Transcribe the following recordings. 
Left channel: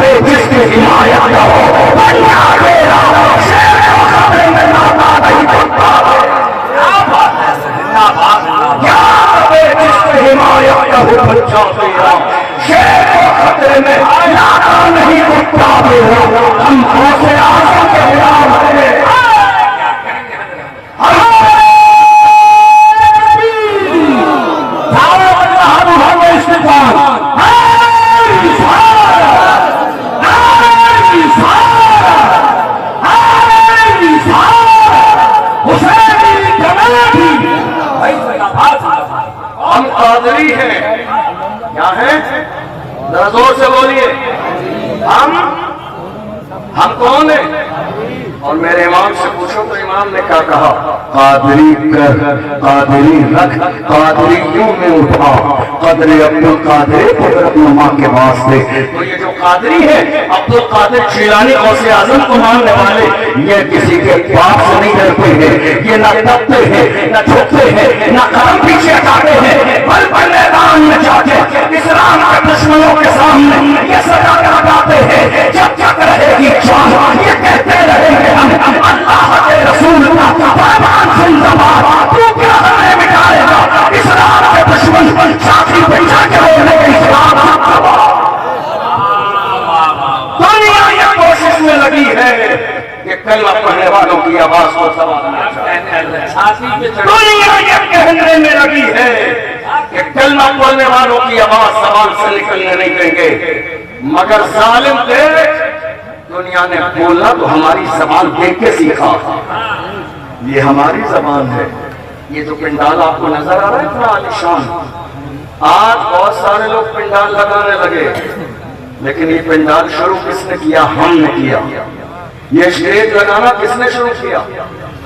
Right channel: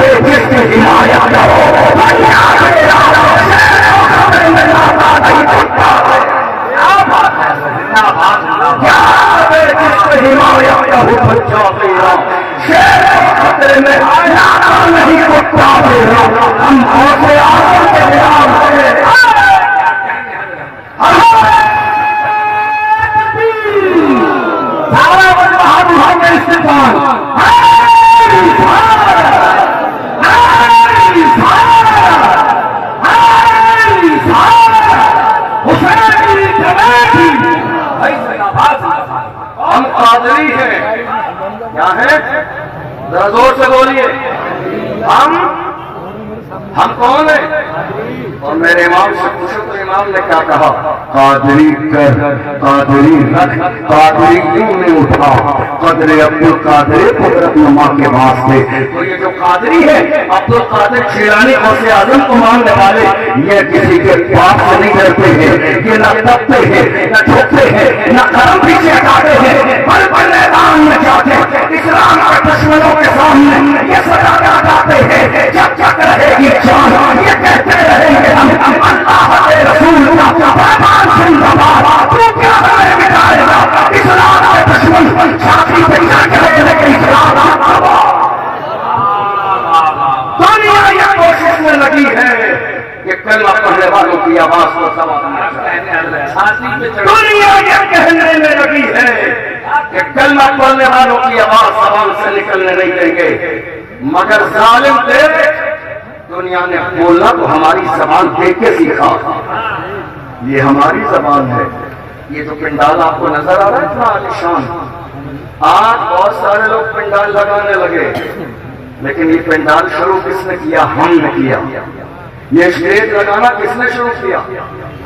پہ جس کی حمایت ہو بنیاد اعلیٰ شیر و خبر میں لاتا نہیں کتا کیا بات ہے یہاں پہ جس کی حمایت ہو بچہ میرا شیر و خبر میں لاتا نہیں کتا میرا ہم غوث اعظم کے خلاف کرے ہم قادری ہیں کیا ہیں ذرا زور سے بولیے ہم کون ہیں اور میرے امام سے پوچھو تو امام نے کیا کہا قادری کر قادری رکھ قادری کیوں میں اٹھا قدر عبدالقادر قدرت ماں کے واسطے تو یہ جو قادری ہے عبدالقادر جیلانی غوث اعظم کو ماننے والے یہ کسی کے باپ سے نہیں کرتے ہیں یہ نہ دبتے ہیں نہ جھکتے ہیں نہ قدم پیچھے ہٹاتے ہیں بل میدان میں جاتے اسلام کے دشمنوں کے سامنے یہ سزا کراتے ہیں جب تک رہے گی جان یہ کہتے رہیں گے اللہ کے رسول کا پیغام زندہ باد تو کیا ہمیں مٹائے گا اسلام کے دشمن چھاتی پہ چڑھ کے رہنے کے اسلام دنیا یہ کوشش میں لگی ہے کہ کلمہ پڑھنے والوں کی آواز کو سوال دنیا یہ کہنے میں لگی ہے کہ کلمہ پڑھنے والوں کی آواز زبان سے نکلنے نہیں دیں گے مگر ظالم تھے دنیا نے بولنا تو ہماری زبان دیکھ کے سیکھا یہ ہماری زبان ہے یہ جو پنڈال آپ کو نظر آ رہا ہے اتنا عالیشان آج بہت سارے لوگ پنڈال لگانے لگے لیکن یہ پنڈال شروع کس نے کیا ہم نے کیا یہ اسٹیج لگانا کس نے شروع کیا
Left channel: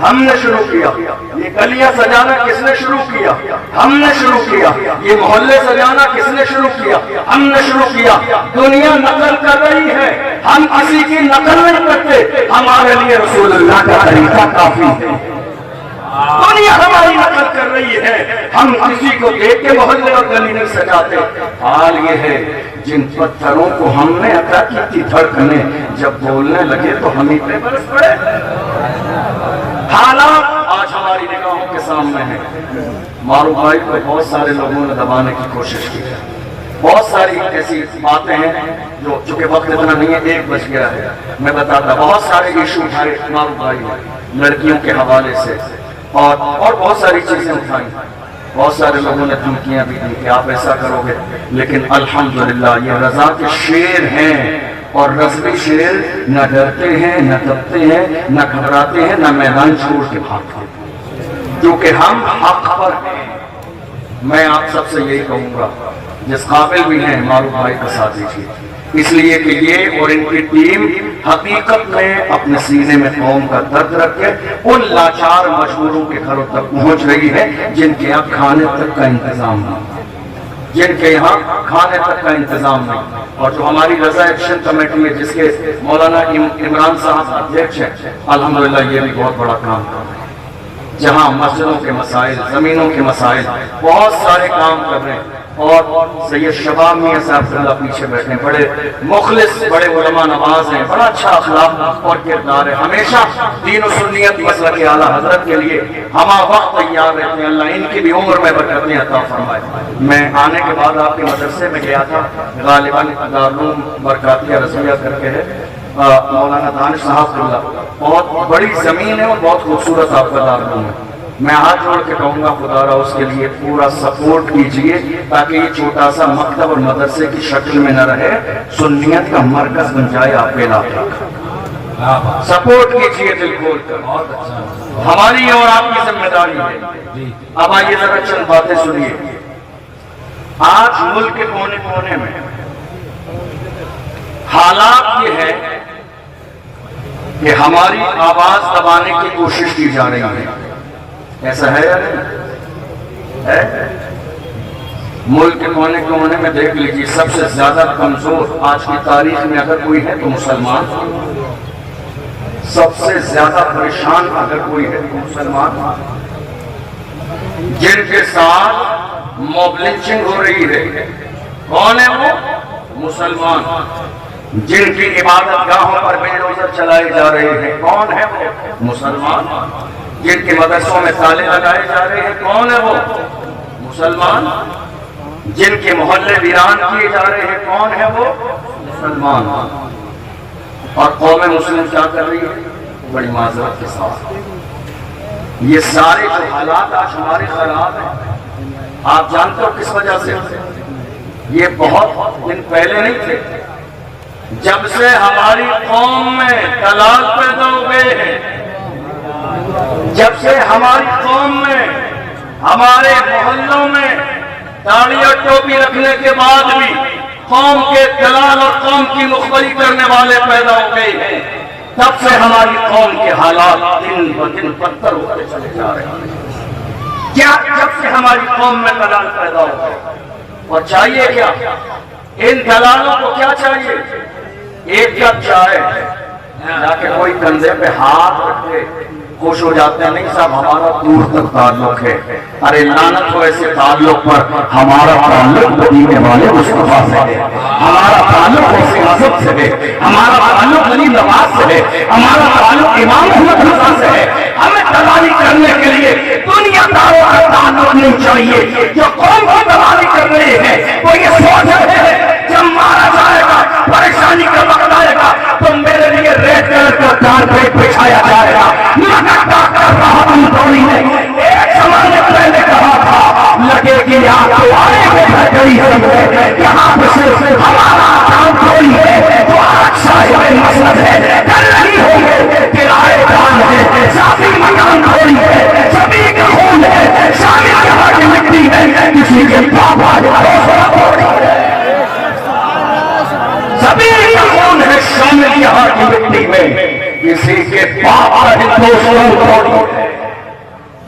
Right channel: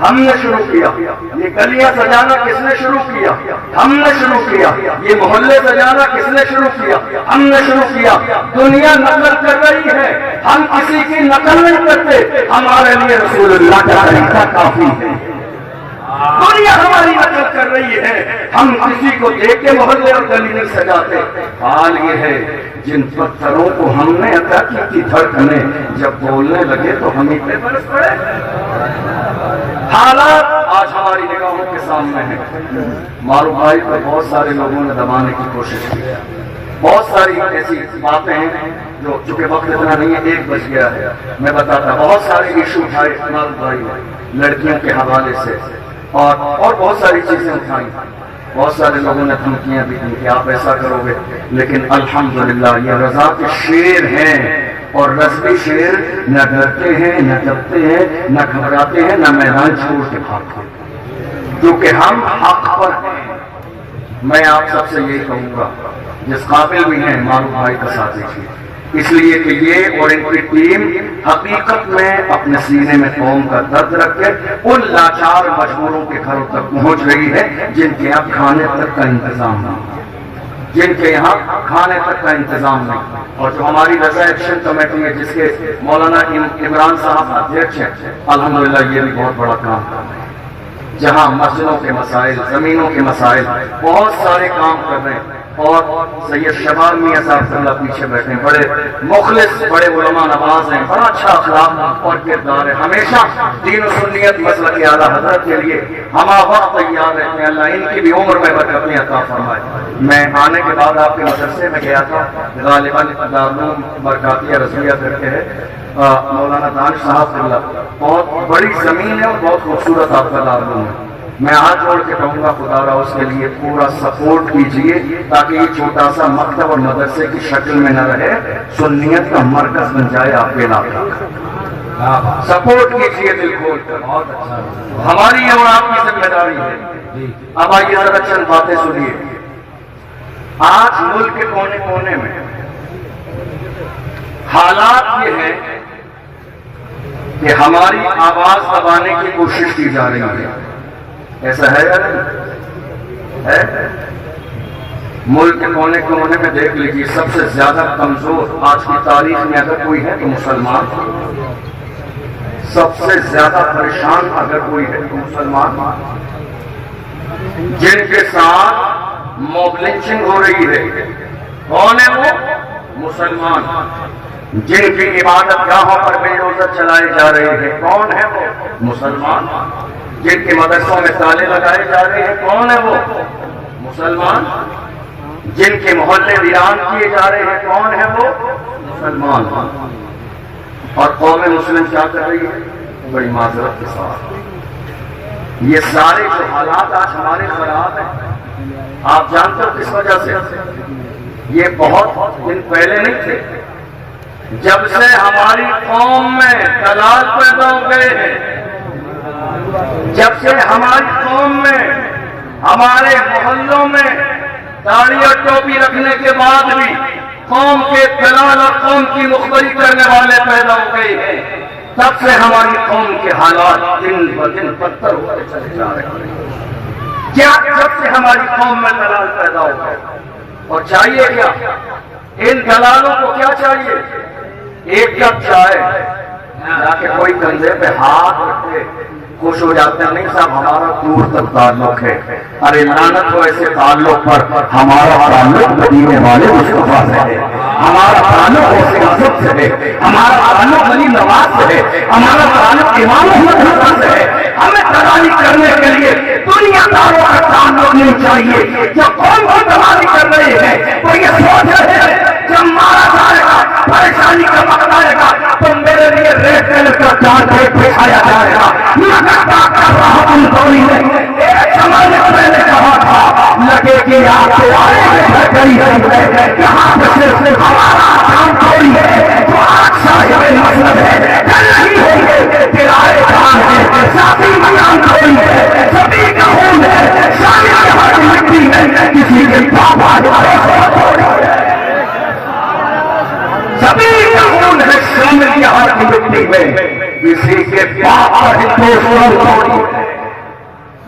ہم نے شروع کیا یہ گلیاں سجانا کس نے شروع کیا ہم نے شروع کیا یہ محلے سجانا کس نے شروع کیا ہم نے شروع کیا دنیا نقل کر رہی ہے ہم کسی کی نقل نہیں کرتے ہمارے لیے رسول اللہ کا طریقہ کافی ہے دنیا ہماری نقل کر رہی ہے ہم کسی کو دیکھ کے محلے اور گلی نہیں سجاتے حال یہ ہے جن پتھروں کو ہم نے عطا کی تھی دھڑکنیں جب بولنے لگے تو ہم ہی پہ برس پڑے حالات آج ہماری نگاہوں کے سامنے ہیں معروف بھائی کو بہت سارے لوگوں نے دبانے کی کوشش کی ہے بہت ساری ایسی باتیں ہیں جو چونکہ وقت اتنا نہیں ہے 1 بج گیا ہے میں بتاتا بہت سارے ایشو اٹھائے معروف بھائی لڑکیوں کے حوالے سے اور بہت ساری چیزیں اٹھائیں بہت سارے لوگوں نے دھمکیاں بھی دی کہ آپ ایسا کرو گے لیکن الحمدللہ یہ رضا کے شیر ہیں اور رضوی شیر نہ ڈرتے ہیں نہ کبتے ہیں نہ گھبراتے ہیں نہ میدان چھوڑ کے بھاگتے ہیں کیونکہ ہم حق پر ہیں میں آپ سب سے یہی کہوں گا جس قابل بھی ہیں معروف بھائی کا ساتھ دیجیے اس لیے کہ یہ اور ان کی ٹیم حقیقت میں اپنے سینے میں قوم کا درد رکھ کے ان لاچار مجبوروں کے گھروں تک پہنچ رہی ہے جن کے یہاں کھانے تک کا انتظام نہیں جن کے یہاں کھانے تک کا انتظام نہیں اور جو ہماری رضا ایکشن کمیٹی میں جس کے مولانا عمران صاحب ادھیکش ہیں الحمدللہ یہ بھی بہت بڑا کام کر رہے ہیں جہاں مسجدوں کے مسائل زمینوں کے مسائل بہت سارے کام کر رہے ہیں اور سید شباب میاں صاحب سے اللہ پیچھے بیٹھے بڑے مخلص بڑے علماء نواز ہیں بڑا اچھا اخلاق اور کردار ہے ہمیشہ دین و سنیت مسلک اعلیٰ حضرت کے لیے ہما وقت تیار رہتے ہیں اللہ ان کی بھی عمر میں برکتیں عطا فرمائے میں آنے کے بعد آپ کے مدرسے میں گیا تھا غالباً دارالعلوم مرکاتیہ رضویہ کر کے ہے مولانا دانش صاحب اللہ بہت بڑی زمین ہے اور بہت خوبصورت آپ کا دارالعلوم ہے میں ہاتھ جوڑ کے کہوں گا خدا را اس کے لیے پورا سپورٹ کیجئے تاکہ یہ چھوٹا سا مکتب اور مدرسے کی شکل میں نہ رہے سنیت کا مرکز بن جائے آپ کے علاقے کا سپورٹ کیجئے دل کھول کر ہماری اور آپ کی ذمہ داری ہے اب آئیے ذرا چند باتیں سنیے آج ملک کے کونے کونے میں حالات یہ ہے کہ ہماری آواز دبانے کی کوشش کی جا رہی ہے ایسا ہے یا نہیں ہے ملک کے کونے کونے میں دیکھ لیجیے سب سے زیادہ کمزور آج کی تاریخ میں اگر کوئی ہے تو مسلمان سب سے زیادہ پریشان اگر کوئی ہے تو مسلمان جن کے ساتھ موب لنچنگ ہو رہی ہے کون ہے وہ مسلمان جن کی عبادت گاہوں پر بلڈوزر چلائے جا رہے ہیں، کون ہے وہ؟ مسلمان۔ جن کے مدرسوں میں تالے لگائے جا رہے ہیں، کون ہے وہ؟ مسلمان۔ جن کے محلے ویران کیے جا رہے ہیں، کون ہے وہ؟ مسلمان۔ اور قوم مسلم کیا کر رہی ہے؟ بڑی معذرت کے ساتھ یہ سارے جو حالات آج ہمارے خراب ہیں، آپ جانتے ہو کس وجہ سے؟ یہ بہت دن پہلے نہیں تھے، جب سے ہماری قوم میں دلال پیدا ہو گئے ہیں، جب سے ہماری قوم میں، ہمارے محلوں میں داڑھی اور ٹوپی رکھنے کے بعد بھی قوم کے دلال اور قوم کی مخبری کرنے والے پیدا ہو گئے ہیں، تب سے ہماری قوم کے حالات دن بدن بدتر ہوتے چلے جا رہے ہیں۔ کیا جب سے ہماری قوم میں دلال پیدا ہو گئے؟ اور چاہیے کیا؟ ان دلالوں کو کیا چاہیے؟ ایک کپ چائے تاکہ کوئی کندھے پہ ہاتھ رکھے، خوش ہو جاتے ہیں، نہیں صاحب ہمارا دور تک تعلق ہے۔ ارے لعنت ہو ایسے تعلق پر، ہمارا تعلق مدینے والے مصطفیٰ سے ہے، ہمارا تعلق ایسے حضرت سے ہے، ہمارا تعلق علی نواز سے ہے، ہمارا تعلق امام احمد رضا سے ہے۔ ہمیں دلالی کرنے کے لیے دنیا داروں کا تعلق نہیں چاہیے۔ جب قوم کو دلالی کر رہے ہیں وہ یہ سوچ رہے ہیں جب مارا جائے گا، پریشانی کا وقت آئے گا تو میرے لیے ریڈ کلر کا کارپیٹ بچھایا جائے گا۔ ایک زمانے پہلے کہا تھا لگے گی آپ کو یہاں پہ صرف ہمارا کام کوئی ہے تو صاحب مسلک ہے، کل نہیں ہوگی کرائے دار ہے، ذاتی مکان کوئی ہے، سبھی کا خون ہے، شامل یہاں کی مٹی ہے، کسی کے پاپا سبھی کا خون ہے، شامل یہاں کی مٹی میں، کسی کے پاپا ہندوستان۔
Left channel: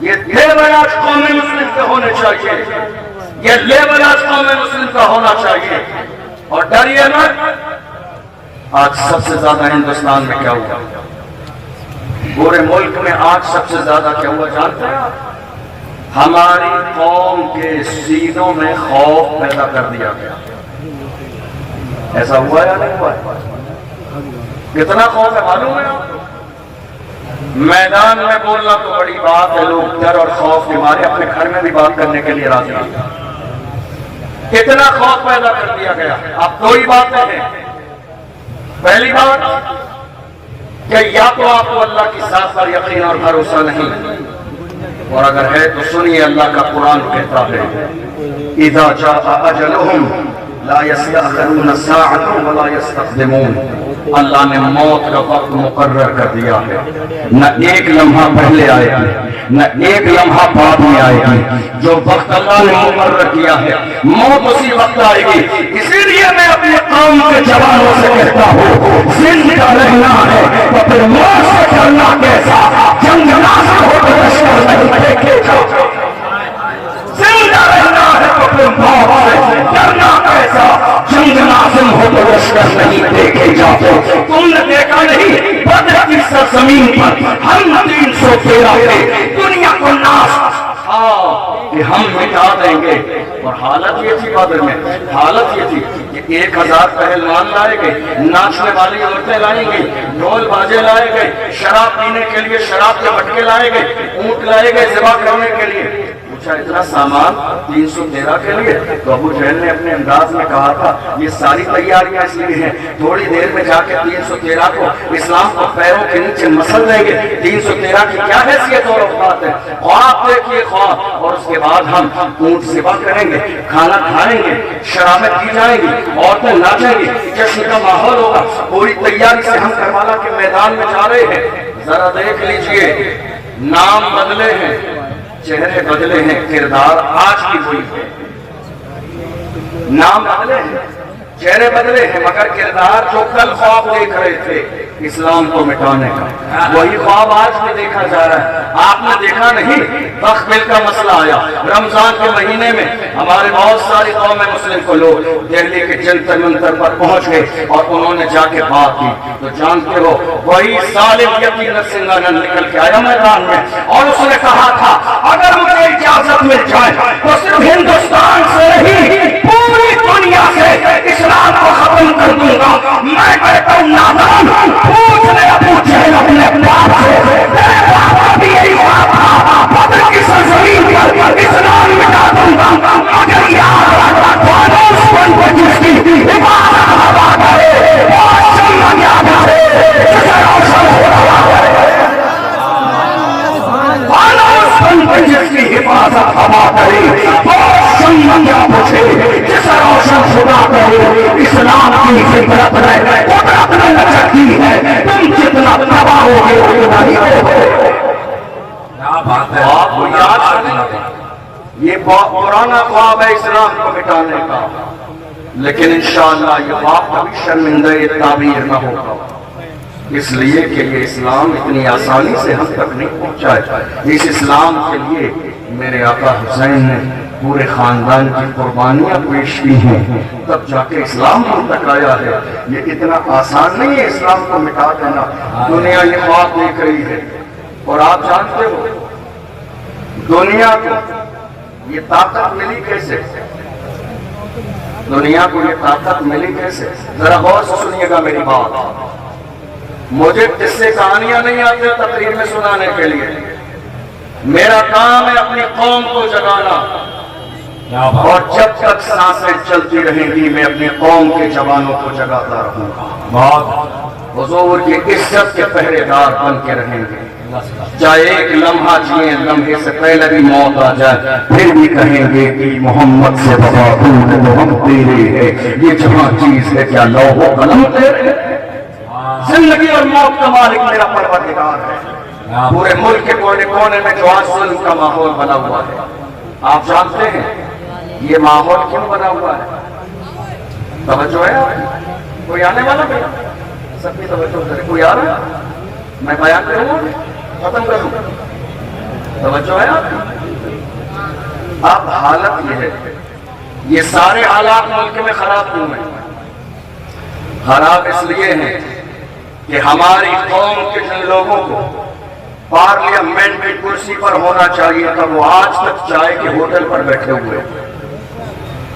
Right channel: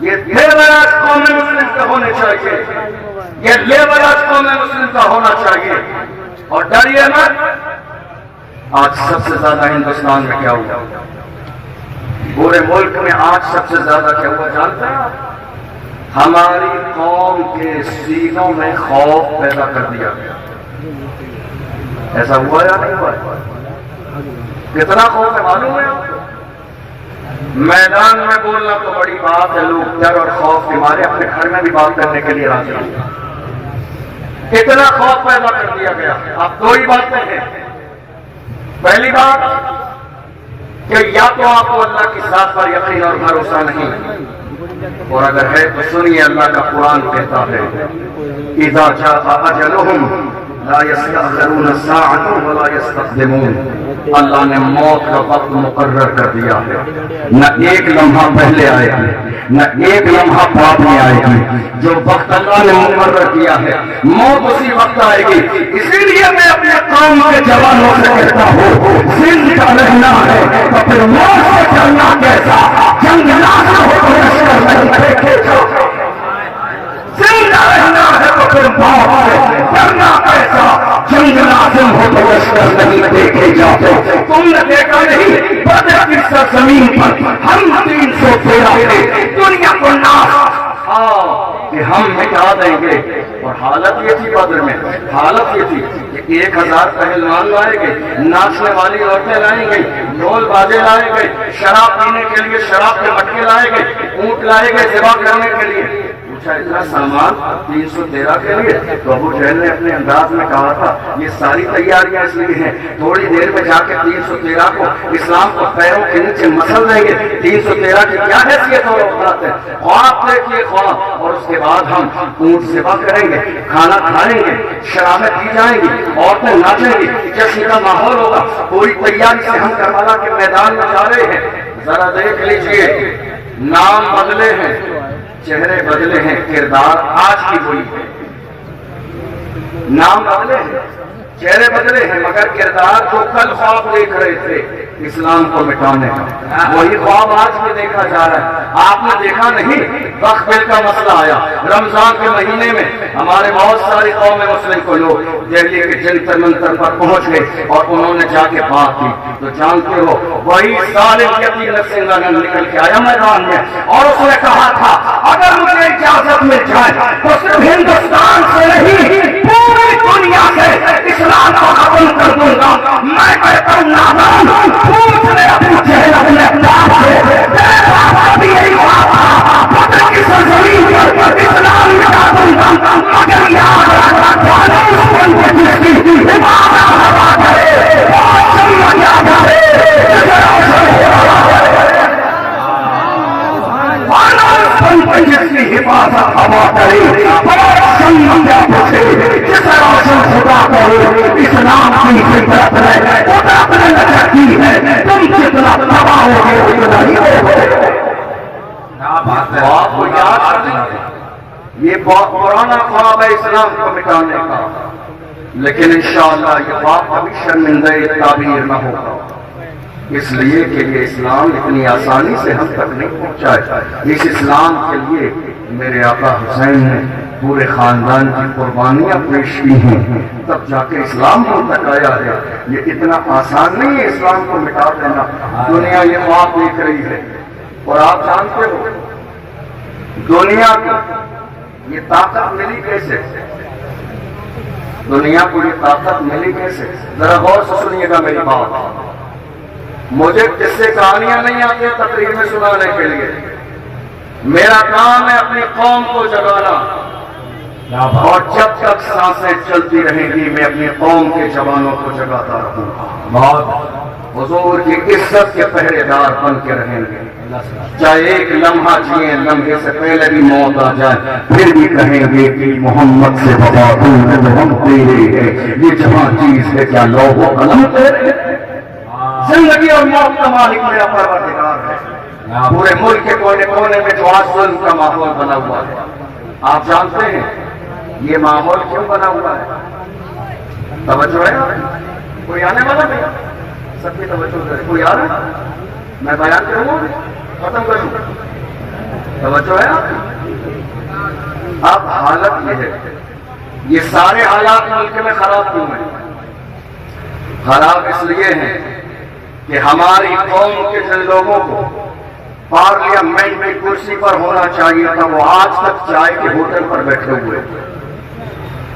یہ لیول آج قوم مسلم کا ہونے چاہیے، یہ لیول آج قوم مسلم کا ہونا چاہیے۔ اور ڈریے نا، آج سب سے زیادہ ہندوستان میں کیا ہوا؟ پورے ملک میں آج سب سے زیادہ کیا ہوا جانتے ہیں؟ ہماری قوم کے سینوں میں خوف پیدا کر دیا گیا۔ ایسا ہوا یا نہیں ہوا؟ کتنا خوف ہے معلوم ہے؟ میدان میں بولنا تو بڑی بات ہے، لوگ ڈر اور خوف کے مارے اپنے گھر میں بھی بات کرنے کے لیے راضی ہیں۔ کتنا خوف پیدا کر دیا گیا۔ اب دو ہی باتیں ہیں۔ پہلی بات کہ یا تو آپ کو اللہ کی ذات پر یقین اور بھروسہ نہیں، اور اگر ہے تو سنیے اللہ کا قرآن کہتا ہے اذا جاء اجلهم لا يستأخرون ساعة ولا يستقدمون۔ اللہ نے موت کا وقت مقرر کر دیا ہے، نہ ایک لمحہ پہلے آئے گی نہ ایک لمحہ بعد میں آئے گی۔ جو وقت اللہ نے مقرر کیا ہے موت اسی وقت آئے گی۔ اسی لیے میں اپنے قوم کے جوانوں سے کہتا ہوں زندہ رہنا ہے تو پھر موت سے ڈرنا کیسا؟ جنگ لازم ہو تو لشکر نہیں دیکھے جاؤ۔ زندہ رہنا ہے تو پھر موت سے ڈرنا کیسا؟ جنگ لازم ہو تو لشکر نہیں دیکھے جاتے۔ تم نے دیکھا نہیں بدر کی سرزمین پر ہم 313 کے دنیا کو ناش کہ ہم مٹا دیں گے، اور حالت یہ تھی بدر میں، حالت یہ تھی کہ 1000 پہلوان لائے گئے، ناچنے والی عورتیں لائی گئی، ڈھول بازے لائے گئے، شراب پینے کے لیے شراب کے مٹکے لائے گئے، اونٹ لائے گئے ذبح کرنے کے لیے۔ اتنا سامان 313 کے لیے تو ابو جہل نے اپنے انداز میں کہا تھا یہ ساری تیاریاں اس لیے ہیں تھوڑی دیر میں جا کے 313 کو اسلام کو پیروں کے نیچے مسل دیں گے۔ 313 کی کیا حیثیت اور اوقات ہے؟ خواب دیکھیے خواب، اور اس کے بعد ہم اونٹ ذبح کریں گے، کھانا کھائیں گے، شرابیں پی جائیں گی، عورتیں ناچیں گی، جشن کا ماحول ہوگا۔ پوری تیاری سے ہم کربلا کے میدان میں جا رہے ہیں۔ ذرا دیکھ لیجئے، نام بدلے ہیں، چہرے بدلے ہیں، کردار آج کی وہی ہے۔ نام بدلے ہیں، چہرے بدلے ہیں، مگر کردار جو کل خواب دیکھ رہے تھے اسلام کو مٹانے کا وہی خواب آج بھی دیکھا جا رہا ہے۔ آپ نے دیکھا نہیں وقت دل کا مسئلہ آیا رمضان کے مہینے میں، ہمارے بہت ساری قوم مسلم کو لوگ دہلی کے جنتر منتر پر پہنچ گئے اور انہوں نے جا کے بات کی۔ تو جانتے ہو وہی ظالم یقین سنگھ آنند نکل کے آیا میدان میں، اور اس نے کہا تھا اگر مجھے اجازت مل جائے تو صرف ہندوستان سے نہیں پوری دنیا سے اسلام کو ختم کر دوں گا. میں کہتا ہوں نادان پوچھ لے ابو جہل اپنے باپ سے, تیرے باپ کا بھی یہی ہوا تھا, بدر کی سرزمین پر اسلام مٹا دوں گا, مگر یاد رکھنا فانوس بن پر جس کی حفاظت ہوا کرے وہ سمجھا بچے جسے روشن ہو رہا ہے. فانوس بن پر جس کی حفاظت ہوا کرے وہ سمجھا بچے جسے روشن خدا کرے. اسلام کی فطرت ہے, قدرت نے لچکتی ہے, تم جتنا تباہ ہوگے اتنا ہی ہوگے. آپ کو یاد رکھنا یہ پرانا خواب ہے اسلام کو مٹانے کا, لیکن انشاءاللہ یہ خواب کبھی شرمندہ تعبیر نہ ہوگا, اس لیے کہ یہ اسلام اتنی آسانی سے ہم تک نہیں پہنچا ہے. اس اسلام کے لیے میرے آقا حسین نے پورے خاندان کی قربانیاں پیش کی ہیں, تب جا کے اسلام ہم تک آیا ہے. یہ اتنا آسان نہیں ہے اسلام کو مٹا دینا. دنیا یہ خواب دیکھ رہی ہے, اور آپ جانتے ہو دنیا کو یہ طاقت ملی کیسے, دنیا کو یہ طاقت ملی کیسے؟ ذرا غور سے سنیے گا میری بات. مجھے قصے کہانیاں نہیں آتی تقریر میں سنانے کے لیے, میرا کام ہے اپنی قوم کو جگانا, اور جب تک سانسیں چلتی رہیں گی میں اپنی قوم کے جوانوں کو جگاتا رہوں گا. حضور کی عزت کے پہرے دار بن کے رہیں گے, چاہے ایک لمحہ جیئیں, لمحے سے پہلے بھی موت آ جائے پھر بھی کہیں گے کہ محمد سے وفا تو ہم تیرے ہے. یہ جہاں چیز ہے کیا لوح و قلم تیرے, زندگی اور موت کا مالک میرا پروردگار ہے. پورے ملک کے کونے کونے میں جو آج ظلم کا ماحول بنا ہوا ہے, آپ جانتے ہیں یہ ماحول کیوں بنا ہوا ہے؟ توجہ ہے آپ کوئی آنے والا بھی, سب کی توجہ ہے, کوئی آ رہا ہے؟ میں بیان کروں ختم کروں, توجہ ہے آپ. اب حالت یہ ہے, یہ سارے حالات ملک میں خراب کیوں ہیں؟ خراب اس لیے ہیں کہ ہماری قوم کے جن لوگوں کو پارلیمنٹ کی کرسی پر ہونا چاہیے تھا وہ آج تک چائے کے ہوٹل پر بیٹھے ہوئے.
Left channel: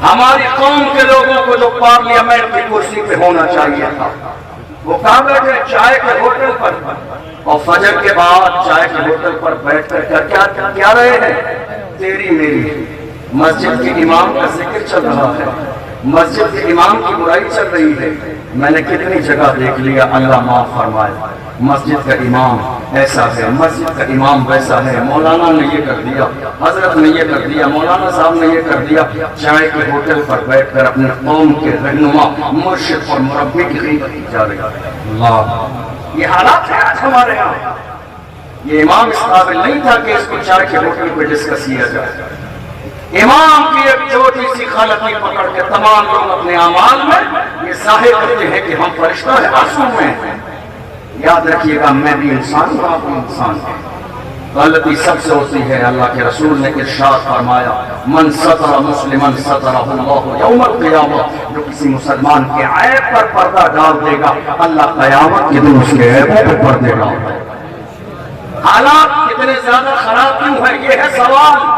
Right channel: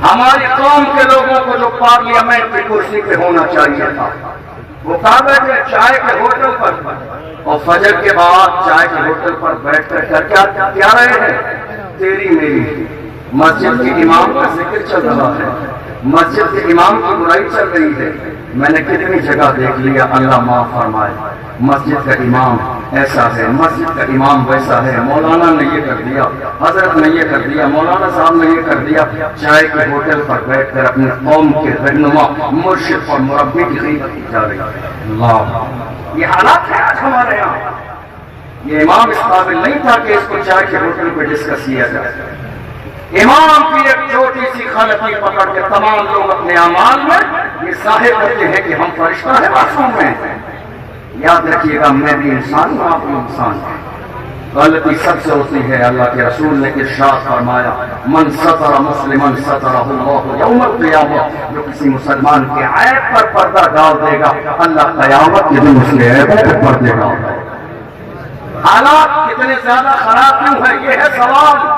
ہماری قوم کے لوگوں کو جو پارلیمنٹ کی کرسی پہ ہونا چاہیے تھا وہ کہاں بیٹھے؟ چائے کے ہوٹل پر, اور فجر کے بعد چائے کے ہوٹل پر بیٹھ کر کیا رہے ہیں؟ تیری میری مسجد کی امام کا ذکر چل رہا ہے, مسجد کے امام کی برائی چل رہی ہے. میں نے کتنی جگہ دیکھ لیا, اللہ معاف فرمائے, مسجد کا امام ایسا ہے, مسجد کا امام ویسا ہے, مولانا نے یہ کر دیا, حضرت نے یہ کر دیا, مولانا صاحب نے یہ کر دیا. چائے کے ہوٹل پر بیٹھ کر اپنے قوم کے رہنما, مرشد اور مربی کی خدمت کی جا رہی ہے. اللہ, یہ حالات ہے آج ہمارے یہاں. یہ امام اس قابل نہیں تھا کہ اس کو چائے کے ہوٹل پہ ڈسکس کیا جائے. امام کی ایک چھوٹی سی خلقی پکڑ کے تمام لوگ اپنے اعمال میں یہ ظاہر کرتے ہیں کہ ہم فرشتہ ہیں, معصوم ہیں. یاد رکھیے گا میں بھی انسان ہوں, آپ بھی انسان ہیں, غلطی سب سے ہوتی ہے. اللہ کے رسول نے ارشاد فرمایا من ستر مسلمن سترہ اللہ یوم القیامہ, جو کسی مسلمان کے عیب پر پردہ ڈال دے گا اللہ قیامت کے دن اس کے عیب پر پردے ڈال دے گا. حالات کتنے زیادہ خراب کیوں ہیں یہ ہے سوال.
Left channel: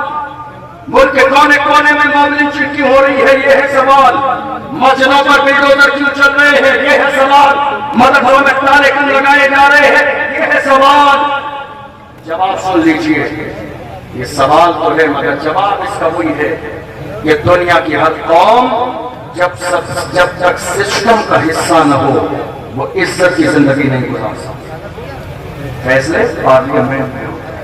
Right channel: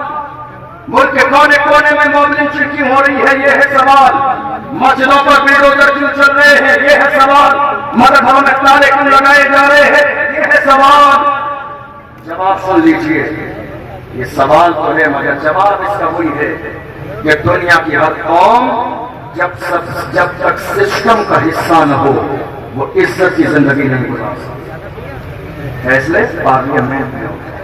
ملک کے کونے کونے میں مومن چکی ہو رہی ہے یہ ہے سوال. مسجدوں پر بلڈوزر کیوں چل رہے ہیں یہ ہے سوال. مدرسوں میں تالے کیوں لگائے جا رہے ہیں یہ ہے سوال. جواب سن لیجیے, یہ سوال تو ہے مگر جواب اس کا وہی ہے کہ دنیا کی ہر قوم جب تک سسٹم کا حصہ نہ ہو وہ عزت کی زندگی نہیں گزار سکتی. فیصلے پارلیمنٹ میں ہوتے ہیں,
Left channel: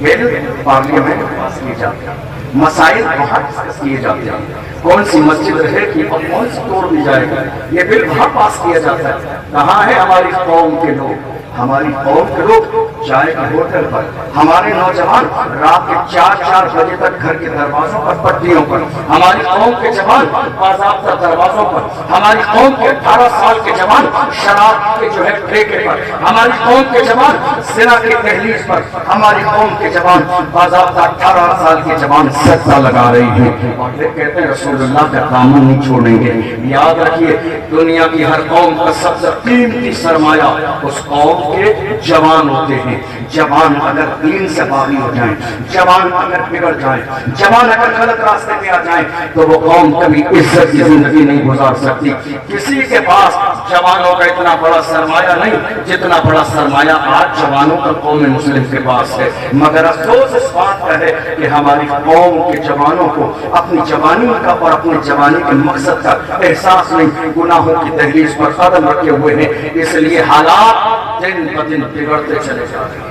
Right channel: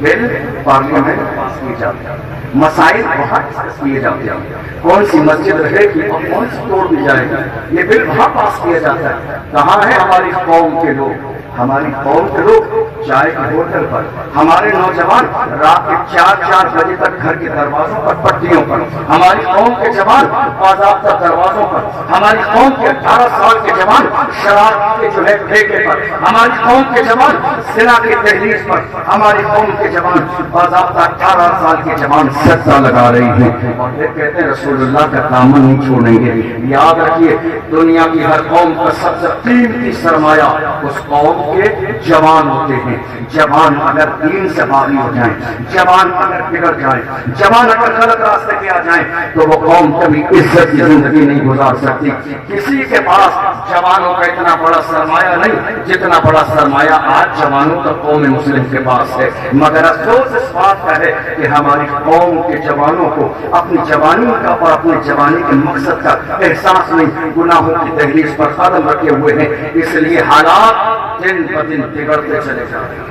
بل پارلیمنٹ میں پاس کیے جاتے ہیں, مسائل وہاں ڈسکس کیے جاتے ہیں, کون سی مسجد رہے گی اور کون سی توڑ دی جائے گی یہ بل وہاں پاس کیا جاتا ہے. کہاں ہے ہماری قوم کے لوگ؟ ہماری قوم کے لوگ چائے کے ہوٹل پر, ہمارے نوجوان رات کے 4 بجے تک گھر کے دروازوں پر پٹریوں پر, ہماری قوم کے جوان باضابطہ دروازوں پر, ہماری قوم کے 18 سال کے جوان شراب کے جو ہے ٹھیکے پر, ہماری قوم کے جوان زنا کی تحریر پر, ہماری قوم کے جوان باضابطہ 18 سال کے جوان سجدہ لگا رہی ہیں اور یہ کہتے ہیں رسول اللہ کا دامن نہیں چھوڑیں گے. یاد رکھیے دنیا کی ہر قوم کا سب سے قیمتی سرمایہ اس قوم کے جوان ہوتے ہیں. ہیں جوان اگر دین سے باغی ہو جائیں، جوان اگر بگڑ جائیں، جوان اگر غلط راستے پہ آ جائیں تو وہ قوم کبھی عزت کی زندگی نہیں گزار سکتی۔ کسی کے پاس جوانوں کا اتنا بڑا سرمایہ نہیں جتنا بڑا سرمایہ آج جوانوں کا قوم مسلم کے پاس ہے، مگر افسوس اس بات کا ہے کہ ہماری قوم کے جوانوں کو اپنی جوانی کا اور اپنے جوانی کے مقصد کا احساس نہیں، گناہوں کی دہلیز پر قدم رکھے ہوئے ہیں، اس لیے حالات دن بدن بگڑتے چلے جا رہے ہیں۔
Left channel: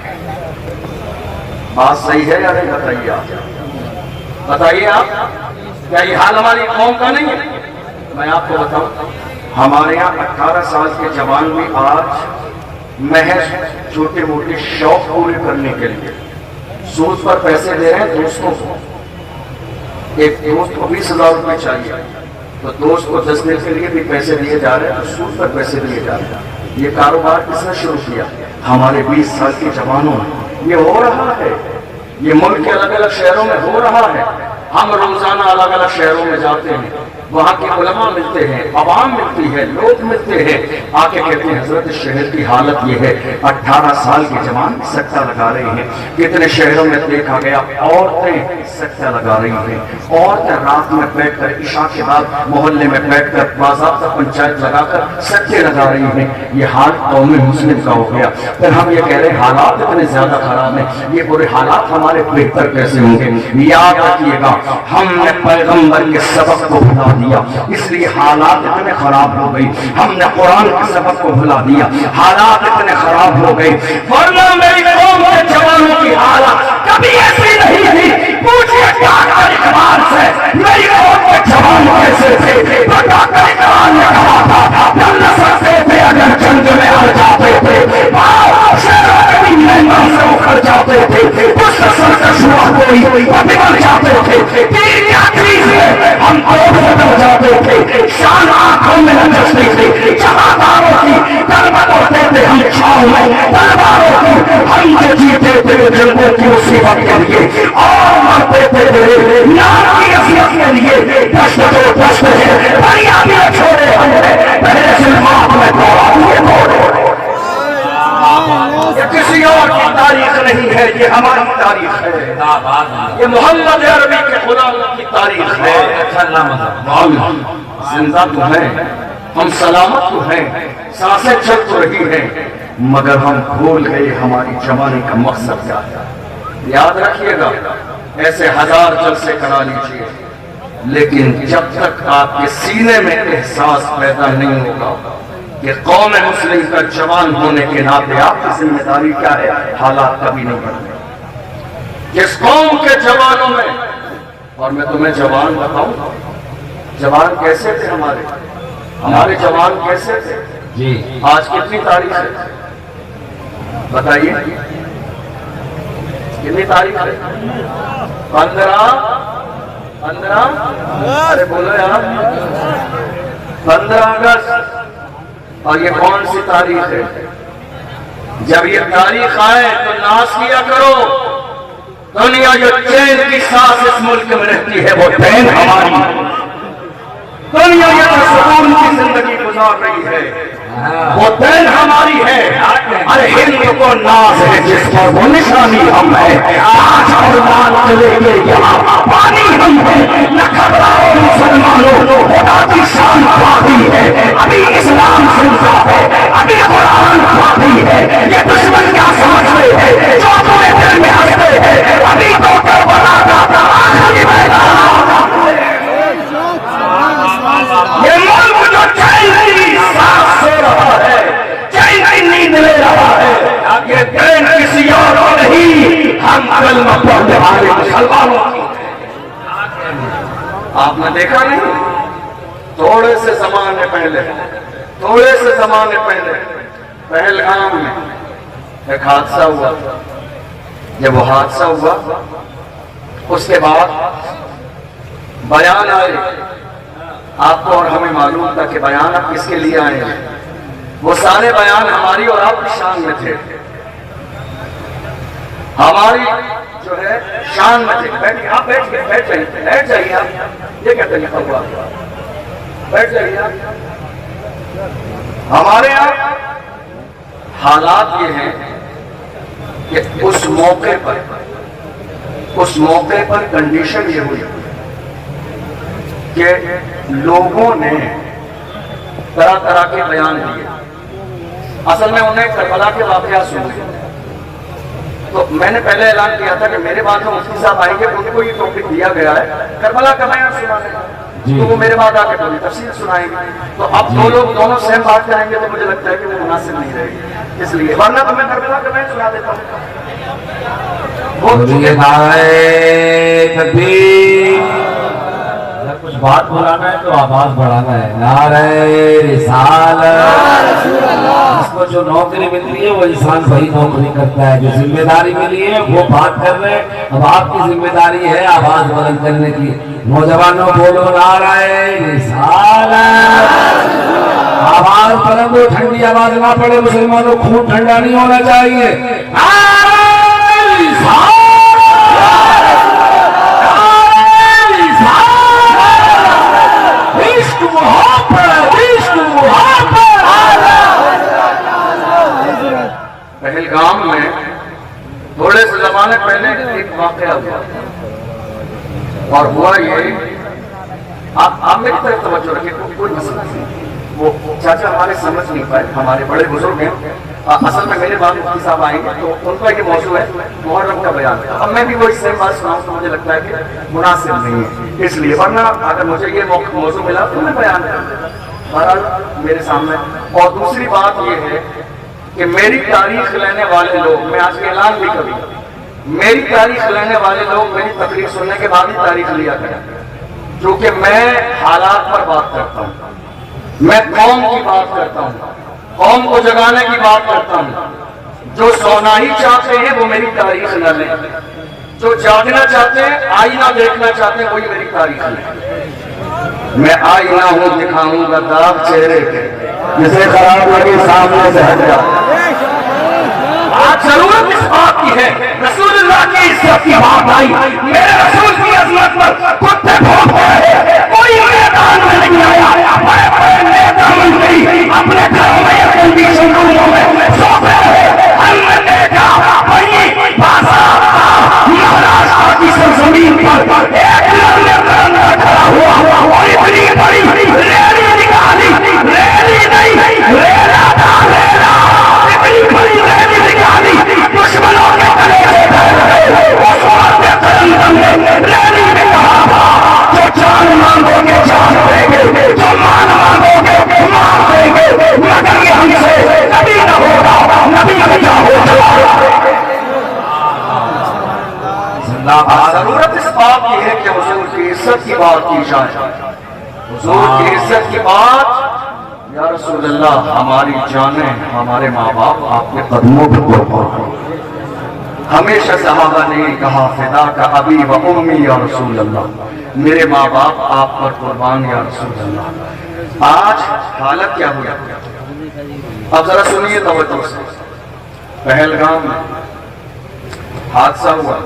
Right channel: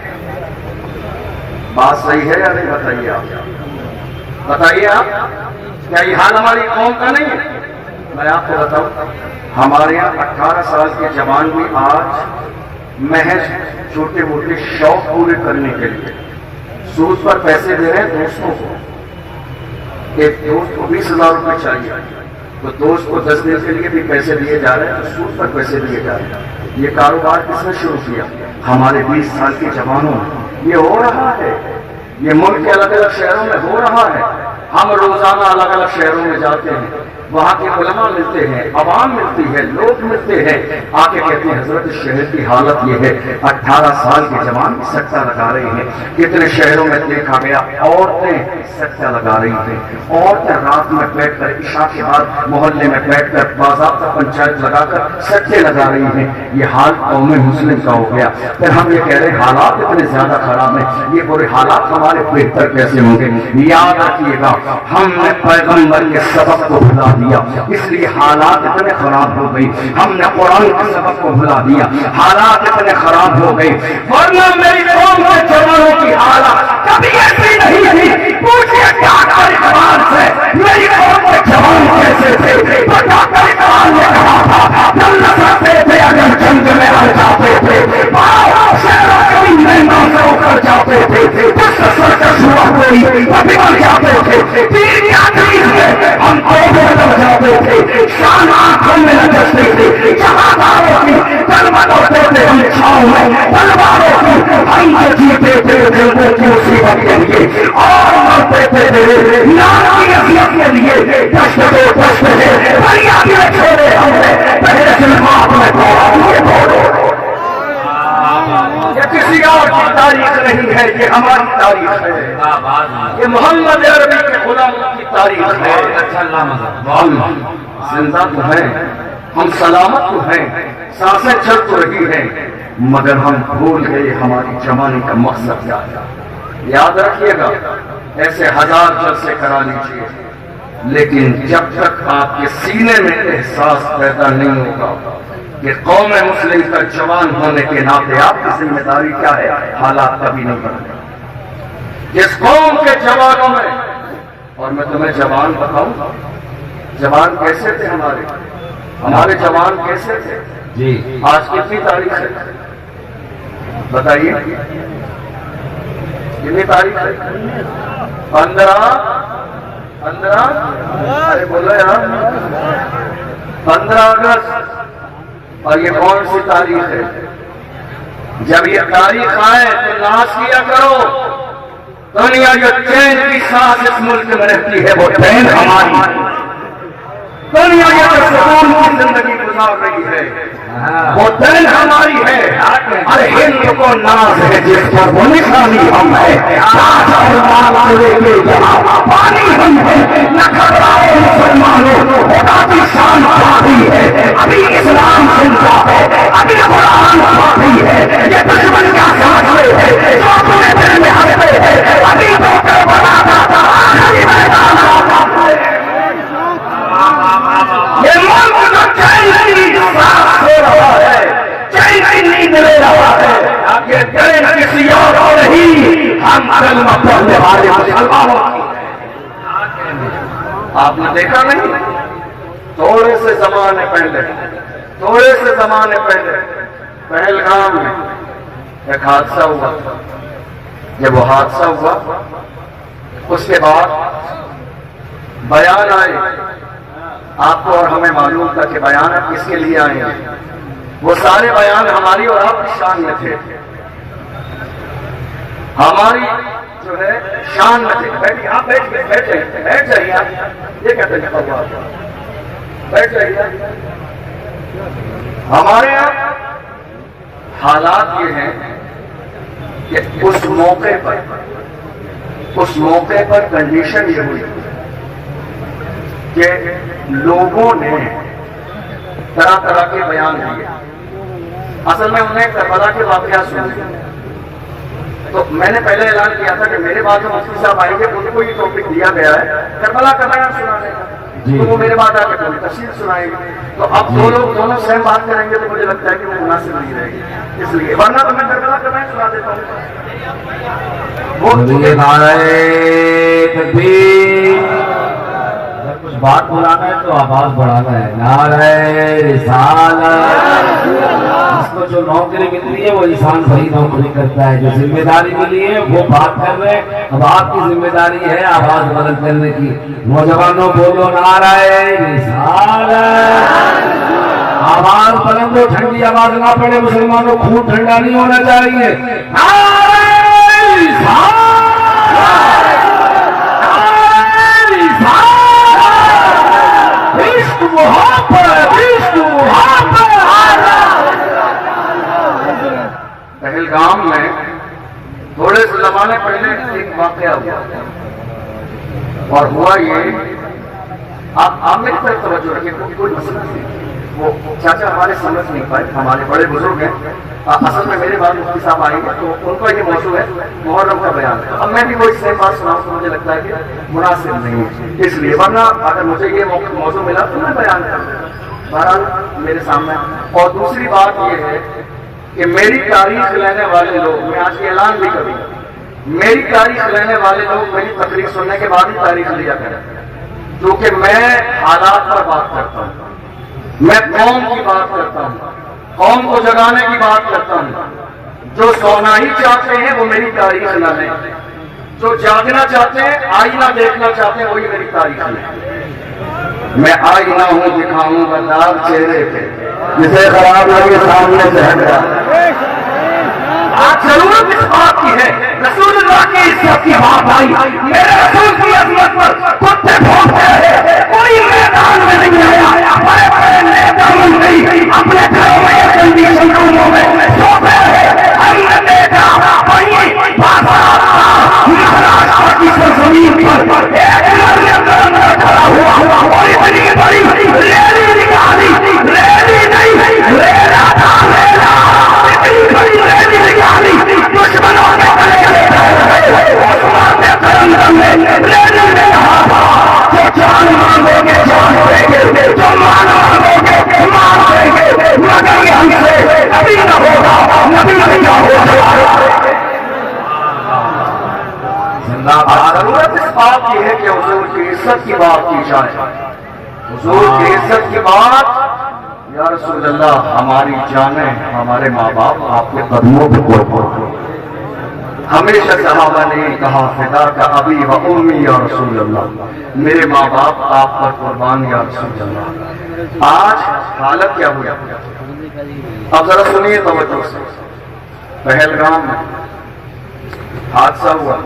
بات صحیح ہے یا نہیں؟ بتائیے آپ، بتائیے آپ، کیا یہ حال ہماری قوم کا نہیں ہے؟ میں آپ کو بتاؤں، ہمارے یہاں 18 سال کے جوان بھی آج محض چھوٹے موٹے شوق پورے کرنے کے لیے سود پر پیسے دے رہے ہیں دوستوں کو۔ ایک دوست کو 20,000 روپے چاہیے تو دوست کو 10 دن کے لیے بھی پیسے دیے جا رہے ہیں، تو سود پر پیسے دیے جا رہے ہیں۔ یہ کاروبار کس نے شروع کیا؟ ہمارے 20 سال کے جوانوں میں۔ یہ ہو رہا ہے، یہ ملک کے الگ الگ شہروں میں ہو رہا ہے۔ ہم روزانہ الگ الگ شہروں میں جاتے ہیں، وہاں کے علماء ملتے ہیں، عوام ملتی ہے، لوگ ملتے ہیں، آ کے کہتے ہیں حضرت شہر کی حالت یہ ہے، 18 سال کے جوان سٹا لگا رہے ہیں۔ کتنے شہروں میں دیکھا گیا عورتیں سٹا لگا رہی ہیں، عورتیں رات میں بیٹھ کر عشاء کے بعد محلے میں بیٹھ کر باضابطہ پنچایت لگا کر سٹے لگا رہی ہیں۔ یہ حال قوم مسلم کا ہو گیا۔ پھر ہم یہ کہہ رہے ہیں حالات اتنے زیادہ خراب ہیں، یہ برے حالات ہمارے بہتر کیسے ہوں گے؟ یاد رکھیے گا، ہم نے پیغمبر کے سبق کو بھلا دیا، اس لیے حالات اتنے خراب ہو گئی۔ ہم نے قرآن کے سبق کو بھلا دیا، حالات اتنے خراب ہو گئی۔ ورنہ میری قوم کے جوانوں کی حالات کبھی ایسی نہیں تھی۔ پوچھئے ڈاکٹر اقبال سے میری قوم کے جوان کیسے تھے؟ تو ڈاکٹر اقبال نے کہا تھا چل سکتے تھے اگر جنگ میں ہر جاتے تھے، شہروں کبھی میدان سے اکھڑ جاتے تھے، پشت سرکش ہوا کوئی بگڑ جاتے تھے، تیر کیا چیز ہے ہم کو بدل جاتے تھے، شان آنکھوں میں نچستی تھی، جہاداروں کی کلمت ہوتے تھے ہم چھاؤں تلواروں کی، ہم جو جیتے تھے دل میں کی مصیبت کے لیے اور مرتے تھے نار کی عصیت کے لیے، دشت کے پشت ہے دریا بھی چھوڑے ہم نے پہلے ظلمات میں توڑے۔ یہ کسی اور کی تاریخ نہیں ہے، یہ ہماری تاریخ ہے، یہ محمد عربی کے غلاموں کی تاریخ ہے۔ ہم زندہ تو ہیں، ہم سلامت تو ہیں، سانسیں چل تو رہی ہیں، مگر ہم بھول گئے ہماری جوانی کا مقصد کیا ہے۔ یاد رکھیے گا، ایسے 1000 جلسے کرا لیجئے، لیکن جب تک آپ کے سینے میں احساس پیدا نہیں ہوگا کہ قوم مسلم کا جوان ہونے کے ناطے آپ کی ذمہ داری کیا ہے، حالات کبھی نہیں بدلیں۔ جس قوم کے جوانوں میں، اور میں تمہیں جوان بتاؤں، جوان کیسے تھے ہمارے جوان کیسے تھے؟ جی آج کتنی تاریخ ہے بتائیے؟ کتنی تاریخ ہے؟ 15 ارے بولو یار، 15 اگست۔ اور یہ کون سی تاریخ ہے؟ جب یہ تاریخ آئے تو ناز کیا کرو، دنیا جو چین کی سانس اس ملک میں رہتی ہے وہ چین ہماری، دنیا جو سکون کی زندگی گزار رہی ہے وہ دین ہماری ہے۔ ارے ہند کو ناز ہے جس پر وہ نشانی ہم ہے، تاج اور مال کے لیے یہاں پانی ہم ہے، نہ گھبراؤ مسلمانوں، خدا کی شان باقی ہے، ابھی اسلام زندہ ہے، ابھی قرآن باقی ہے، یہ دشمن کیا سمجھتے ہیں جو اپنے دل میں ہنستے ہیں، ابھی تو کربلا کا آخری میدان یہ ملک جو چین کی سانس سو رہا ہے، چین کی نیند لے رہا ہے، یہ چین کسی اور کو نہیں، ہم کلمہ پڑھنے والے مسلمانوں کی۔ آپ نے دیکھا نہیں، تھوڑے سے زمانے پہلے پہلگام میں ایک حادثہ ہوا۔ جب وہ حادثہ ہوا اس کے بعد بیان آئے، آپ کو اور ہمیں معلوم تھا کہ بیان اب کس کے لیے آئے ہیں، وہ سارے بیان ہماری اور آپ کی شان میں تھے، ہماری جو ہے شان میں تھے۔ بیٹھیں آپ، بیٹھ جائیے آپ، یہ کیا طریقہ ہوا، بیٹھ جائیے آپ۔ ہمارے یہاں حالات یہ ہیں کہ اس موقع پر کنڈیشن یہ ہوئی کہ لوگوں نے طرح طرح کے بیان دیے. اصل میں انہیں کربلا کے واقعات سنے. تو میں نے پہلے اعلان کیا تھا کہ میرے بعد جو مفتی صاحب آئیں گے ان کو یہ ٹاپک دیا گیا ہے کربلا کا بیان سنانے کا. تو وہ میرے بعد آ کے تفصیل سنائیں گے. تو اب دو لوگ دونوں سیم بات کریں گے تو مجھے لگتا ہے کہ وہ مناسب نہیں رہے گی, اس لیے ورنہ تو میں کربلا کا بیان سنا دیتا ہوں. کچھ بات بلانا ہے تو آواز بڑھانا ہے. نعرہ رسالت. جس کو جو نوکری ملی ہے وہ انسان وہی نوکری کرتا ہے. جو ذمہ داری ملی ہے وہ بات کر رہے ہیں. اب آپ کی ذمہ داری ہے آواز بلند کرنے کی. نوجوانوں بولو نعرہ رسالت. آواز بلند ہو, ٹھنڈی آواز نہ پڑے. مسلمانوں خون ٹھنڈا نہیں ہونا چاہیے. نعرہ رسالت. عشق محبت, عشق محبت. پہلگام میں تھوڑے سے زمانے پہلے ایک واقعہ ہوا, اور ہوا یہ, آپ میری طرف توجہ رکھیں, کوئی مسئلہ نہیں. وہ چاچا ہمارے سمجھ نہیں پائے, ہمارے بڑے بزرگ ہیں. اصل میں میرے بعد مفتی صاحب آئیں گے تو ان کا یہ موضوع ہے محرم کا بیان. اب میں بھی وہی سیم بات سناؤں تو مجھے لگتا ہے کہ مناسب نہیں ہے, اس لیے ورنہ اگر مجھے یہ موضوع ملا تو میں بیان کروں. بہرحال میرے سامنے. اور دوسری بات یہ ہے کہ میری تاریخ لینے والے لوگ, میں آج کے اعلان بھی کروں, میری تاریخ لینے والے لوگ میری تقریر سننے کے بعد ہی تاریخ لیا کریں, کیونکہ میں حالات پر بات کرتا ہوں, میں قوم کی بات کرتا ہوں, قوم کو جگانے کی بات کرتا ہوں. جو سونا ہی چاہتے ہیں وہ میری تاریخ نہ لیں, جو جاگنا چاہتے ہیں, آئینہ دیکھنا چاہتے ہیں, وہی میری تاریخ لیں. میں آئینہ ہوں, دکھاؤں گا داغ چہرے پہ, جسے خراب لگے سامنے سے ہٹ جا. آج ضرورت اس بات کی ہے, رسول اللہ کی عزت کی بات آئی. میرے رسول کی عظمت پر کتے بھونکتے ہیں, کوئی میدان میں نہیں آیا. بڑے بڑے نیتا منتری اپنے گھروں میں کنڈیشن روموں میں سوتے ہیں. ہم نے دیکھا وہی بازار کا مہاراشٹر کی سرزمین پر ایک لڑکا کھڑا ہوا, اور اتنی بڑی ریلی نکالی, ریلی نہیں ریلا تھا, ریلا اتنی بڑی ریلی نکالی. دشمنوں نے کلے اس وقت ترنگم میں ریلی میں کہا تھا, جو جان مانگو گے جان دیں گے, جو مان مانگو گے مان دیں گے, مگر یہ ہم سے نبی نہ ہوگا, نبی نہ ہوگا. ضرورت اس بات کی ہے کہ حضور کی عزت کی بات کی جائے. حضور کی عزت کی بات, یا رسول اللہ ہماری جانیں, ہمارے ماں باپ آپ کے قدموں پہ قربان. ہمیشہ صحابہ نے کہا فدا کا ابی و امی یا رسول اللہ, میرے ماں باپ آپ پر قربان یا رسول اللہ. آج حالت کیا ہوئی, اب ذرا سنیے توجہ سے. پہلگام میں حادثہ ہوا,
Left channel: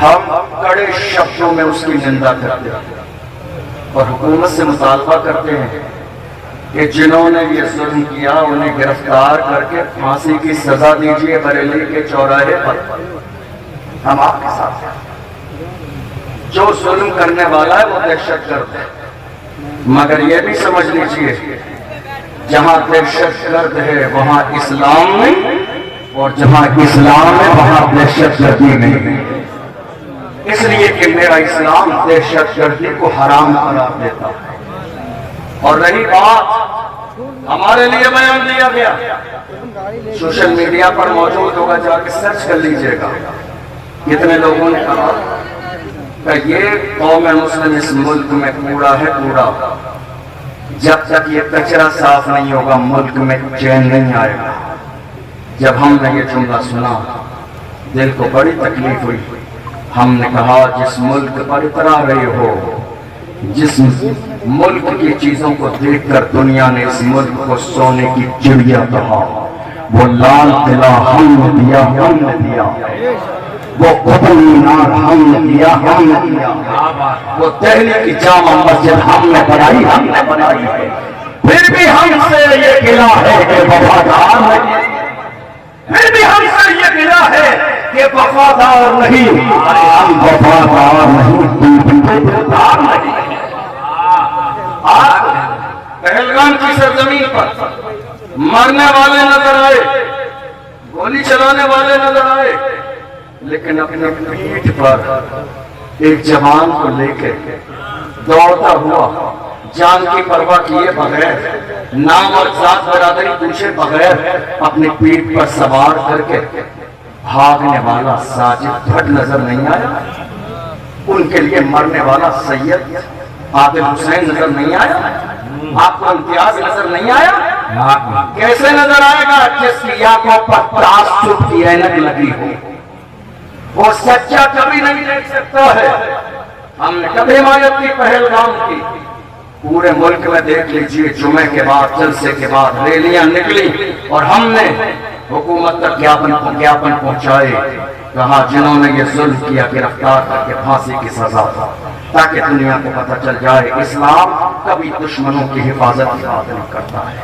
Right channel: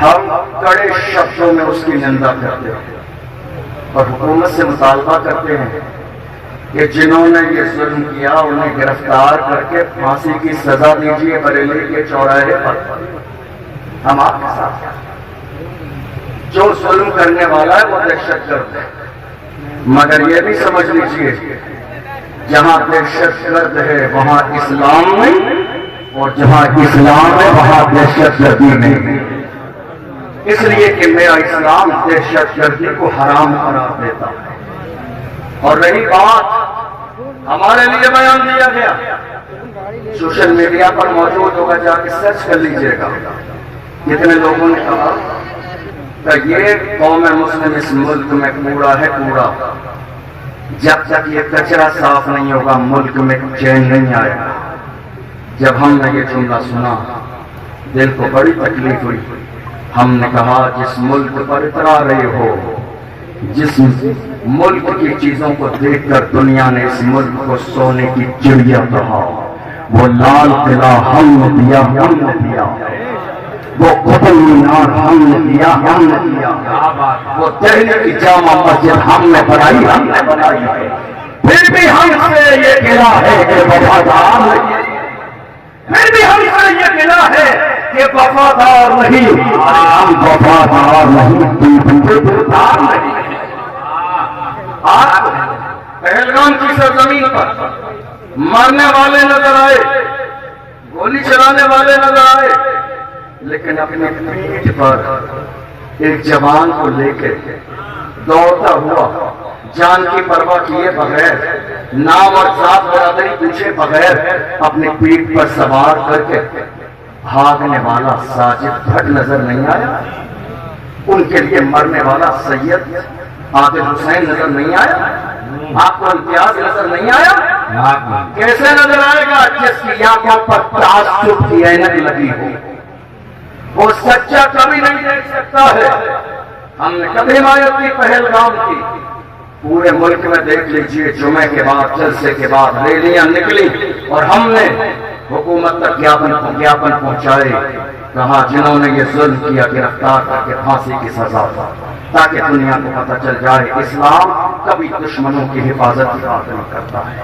ہم کڑے شبدوں میں اس کی نندا کرتے ہیں اور حکومت سے مطالبہ کرتے ہیں کہ جنہوں نے یہ ظلم کیا انہیں گرفتار کر کے پھانسی کی سزا دیجیے بریلی کے چوراہے پر. ہم آپ کے ساتھ ہیں. جو ظلم کرنے والا ہے وہ دہشت گرد ہے, مگر یہ بھی سمجھ لیجیے جہاں دہشت گرد ہے وہاں اسلام نہیں, اور جہاں اسلام ہے وہاں دہشت گردی نہیں. اس لیے کہ میرا اسلام دہشت گردی کو حرام قرار دیتا ہے. اور رہی بات ہمارے لیے بیان دیا گیا, سوشل میڈیا پر موجود ہوگا, جا کے سرچ کر لیجئے گا. کتنے لوگوں نے کہا کہ یہ قوم مسلم اس ملک میں کوڑا ہے کوڑا, جب تک یہ کچرا صاف نہیں ہوگا ملک میں چین نہیں آئے گا. جب ہم نے یہ جملہ سنا دل کو بڑی تکلیف ہوئی. ہم نے کہا جس ملک پر اترا رہے ہو, جس ملک کی چیزوں کو دیکھ کر دنیا نے اس ملک کو سونے کی چڑیا کہا, وہ لال قلعہ ہم نے دیا, ہم نے دیا. وہ قطب مینار ہم نے دیا, ہم نے دیا. وہ دہلی کی جامع مسجد ہم نے بنائی, ہم نے بنائی. پھر بھی ہم سے یہ قلعہ ہے کہ وفادار ہے. پھر بھی ہم سے یہ گلا ہے کہ وفادار نہیں، ارے ہم وفادار نہیں، وفادار نہیں۔ آج پہلگام کی سرزمین پر مرنے والے نظر آئے، گولی چلانے والے نظر آئے، لیکن اپنے پیٹھ پر ایک جوان کو لے کے دوڑتا ہوا، جان کی پرواہ کیے بغیر، نام اور ذات برادری پوچھے بغیر، اپنے پیٹھ پر سوار کر کے بھاگنے والا ساجد بھٹ نظر نہیں آیا؟ ان کے لیے مرنے والا سید عادل حسین نظر نہیں آیا؟ آپ کو امتیاز نظر نہیں آیا؟ کیسے نظر آئے گا جس کی آنکھوں پر تعصب کی عینک لگی ہو؟ وہ سچا کبھی نہیں دیکھ سکتا ہے۔ ہم نے کبھی حمایت کی پہلگام کی، پورے ملک میں دیکھ لیجئے، جمعے کے بعد جلسے کے بعد ریلیاں نکلی اور ہم نے حکومت تک جاپن پہنچائے، کہا جنہوں نے یہ ظلم کیا گرفتار کر کے پھانسی کی سزا تھا، تاکہ دنیا کو پتہ چل جائے اسلام کبھی دشمنوں کی حفاظت نہیں کرتا ہے۔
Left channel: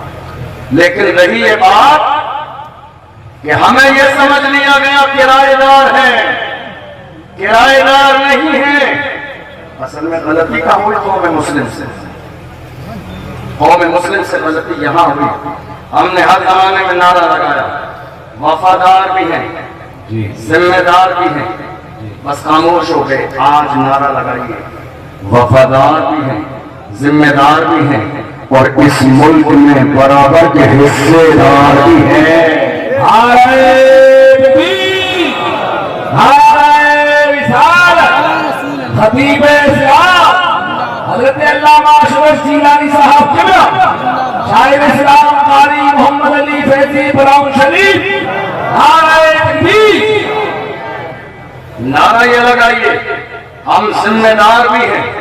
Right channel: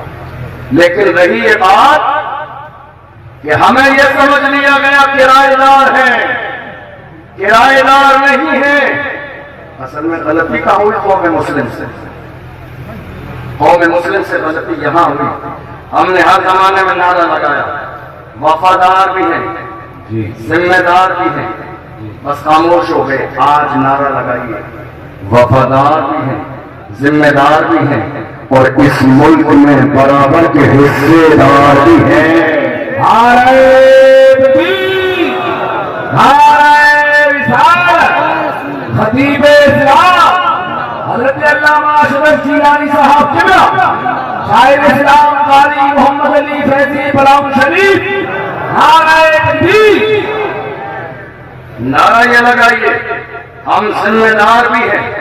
لیکن رہی یہ بات کہ ہمیں یہ سمجھ لیا گیا کرایہ دار ہیں، کرایہ دار نہیں ہیں۔ اصل میں غلطی کا ہوئی قوم مسلم سے، قوم مسلم سے غلطی یہاں ہوئی۔ ہم نے ہر زمانے میں نعرہ لگایا، وفادار بھی ہیں، ذمہ دار بھی ہیں، بس خاموش ہو گئے۔ آج نعرہ لگائیے، وفادار بھی ہیں، ذمہ دار بھی ہیں، اور اس ملک میں برابر کے حصے دار بھی ہیں۔ خطیب اسلام حضرت علامہ اشرف جیلانی صاحب قبلہ، شاعر اسلام قاری محمد علی فیضی براؤن شریف، نعرہ تکبیر۔ نعرہ یہ لگائیے، ہم ذمہ دار بھی ہیں،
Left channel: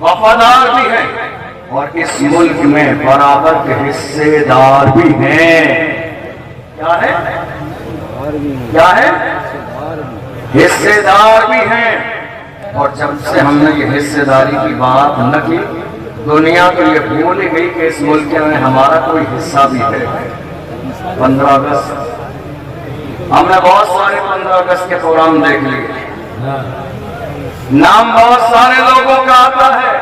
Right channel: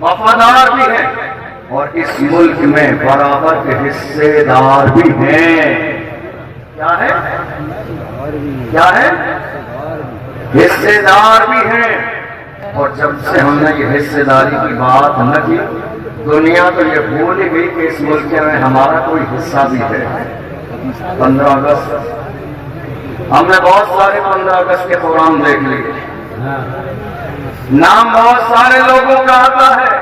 وفادار بھی ہیں، اور اس ملک میں برابر کے حصے دار بھی ہیں۔ کیا ہے؟ کیا ہے؟ حصے دار بھی ہیں۔ اور جب سے ہم نے یہ حصے داری کی بات نہ کی، دنیا تو یہ بھول ہی گئی کہ اس ملک میں ہمارا کوئی حصہ بھی ہے۔ 15 اگست ہم نے بہت سارے 15 اگست کے پروگرام دیکھ لیے، نام بہت سارے لوگوں کا آتا ہے،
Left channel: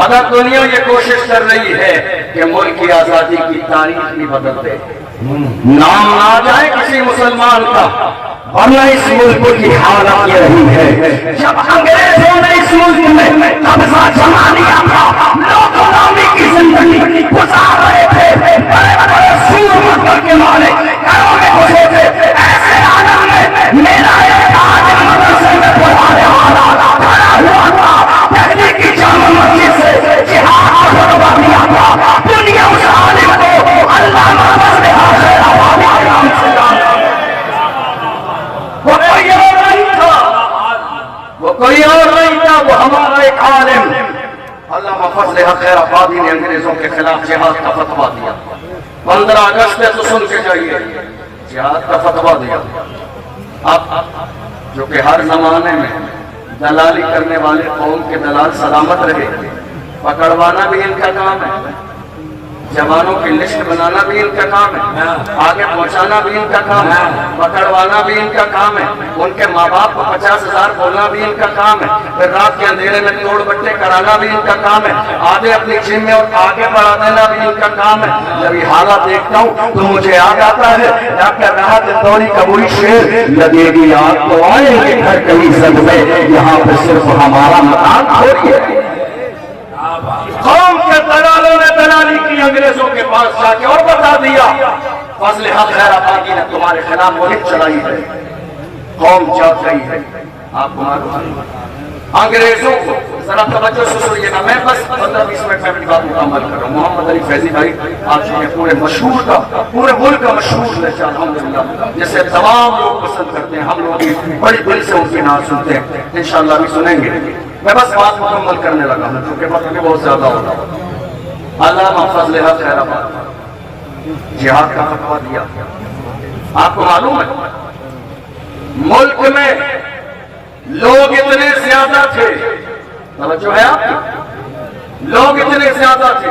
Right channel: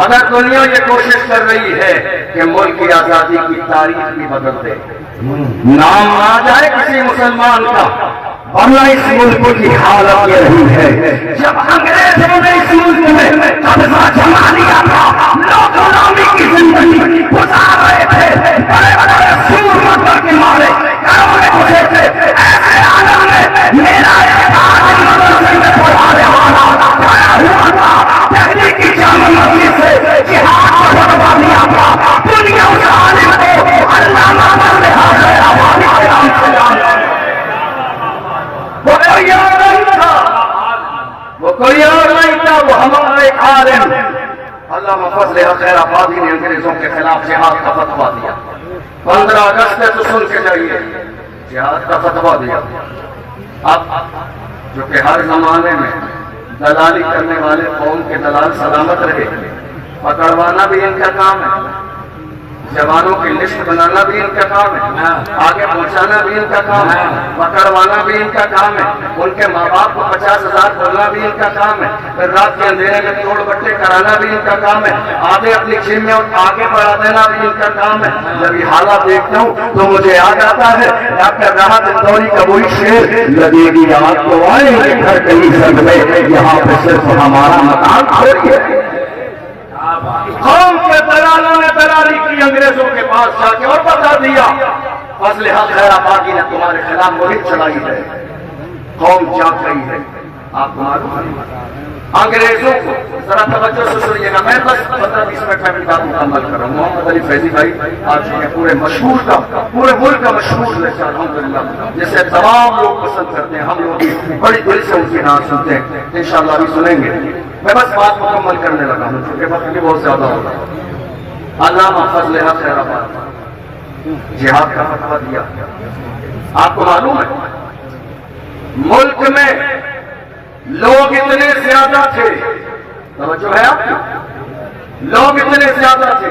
مگر دنیا یہ کوشش کر رہی ہے کہ ملک کی آزادی کی تاریخ بھی بدل دے، نام نہ آ جائے کسی مسلمان کا، ورنہ اس ملک کی حالت یہ رہی ہے۔ جب انگریزوں نے اس ملک میں قبضہ جما لیا تھا، لوگ غلامی کی زندگی گزار رہے تھے، بڑے بڑے سور مندر کے مالے گھروں میں گھسے تھے، ایسے عالم میں میرا ایک آدم مدرسے میں پڑھانے والا کھڑا ہوا تھا، دہلی کی جامع مسجد سے جہاد کا فتویٰ دیا تھا۔ دنیا اس عالم کو علامہ فضل خیر آبادی کے نام سے جانتی ہے۔ وہ کوئی اور نہیں تھا، وہ کوئی اور نہیں تھا، وہ ہمارا ایک عالم علامہ فضل خیر آبادی نے انگریزوں کے خلاف جہاد کا فتویٰ دیا۔ 15 اگست سے سن کے جائیے، جہاد کا فتویٰ دیا۔ اب جو کہ ہر زمانے میں دلالی کرنے والے قوم کے دلال سلامت رہے، پکڑوانا بھی ان کا کام ہے، جوانوں کی لسٹ بنانا بھی ان کا کام ہے، آگے پہنچانا بھی ان کا کام ہے، پکڑوانا بھی ان کا کام ہے، ان کے ماں باپ کو 50,000 بولنا بھی ان کا کام ہے، پھر رات کے اندھیرے میں توڑ بٹے کرانا بھی ان کا کام ہے، آگے اپنی جم میں اور آگے بڑھا دینا بھی ان کا کام ہے۔ جب یہ حالات دیکھتا ہوں تو مجھے یاد آتا ہے ڈاکٹر راحت اندوری کا وہی شعر، لگے گی آگ تو آئے کہ گھر کہیں سب میں، یہاں پہ صرف ہمارا مکان چھوڑیے۔ قوم کے دلالوں نے دلالی کی انگریزوں کے پاس جا کے اور بتا دیا، فضل حق خیر آبادی نے تمہارے خلاف مہم چلائی ہے، قوم جاگ رہی ہے۔ آپ کو معلوم ہے انگریزوں کو، ذرا توجہ سے سنیے گا، میں بس 15-20 منٹ میں بات مکمل کر رہا ہوں۔ محمد علی فیضی بھائی آپ جو ہے پورے مشہور کا، پورے ملک کا مشہور لہجہ الحمدللہ، جسے تمام لوگ پسند کرتے ہیں، ہم لوگ بھی بڑی دل سے ان کی نعت سنتے ہیں، انشاءاللہ بھی سنیں گے۔ میں بس بات مکمل کرنے لگا ہوں کیونکہ وقت بھی بہت زیادہ ہوگا۔ علامہ فضل حق خیر آبادی جہاد کا فتویٰ دیا۔ آپ کو معلوم ہے ملک میں لوگ اتنے زیادہ تھے، توجہ ہے آپ کی، لوگ اتنے زیادہ تھے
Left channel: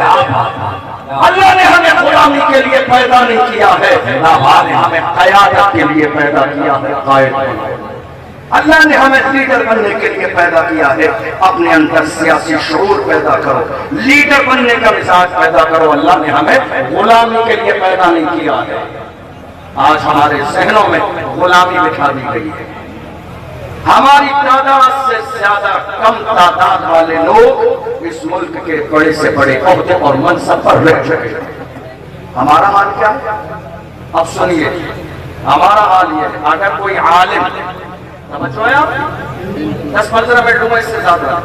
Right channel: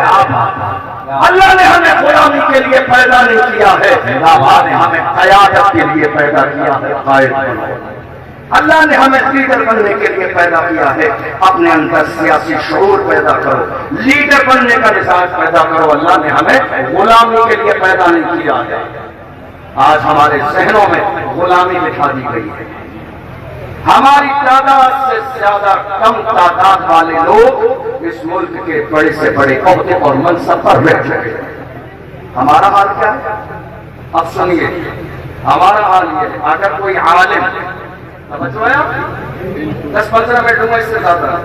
ہے. اللہ نے ہمیں غلامی کے لیے پیدا نہیں کیا ہے, اللہ نے ہمیں قیادت کے لیے پیدا کیا ہے, قائد بنو. اللہ نے ہمیں لیڈر بننے کے لیے پیدا کیا ہے. اپنے اندر سیاسی شعور پیدا کرو, لیڈر بننے کا مزاج پیدا کرو. اللہ نے ہمیں غلامی کے لیے پیدا نہیں کیا ہے. آج ہمارے ذہنوں میں غلامی بٹھا دی گئی ہے. ہماری تعداد سے زیادہ کم تعداد والے لوگ اس ملک کے بڑے سے بڑے عہدے اور منصب پر رہ چکے ہیں. ہمارا حال کیا ہے؟ اب سنیے, ہمارا حال یہ ہے, اگر کوئی عالم, سمجھو ہے آپ, 10-15 منٹ لوں گا, اس سے زیادہ,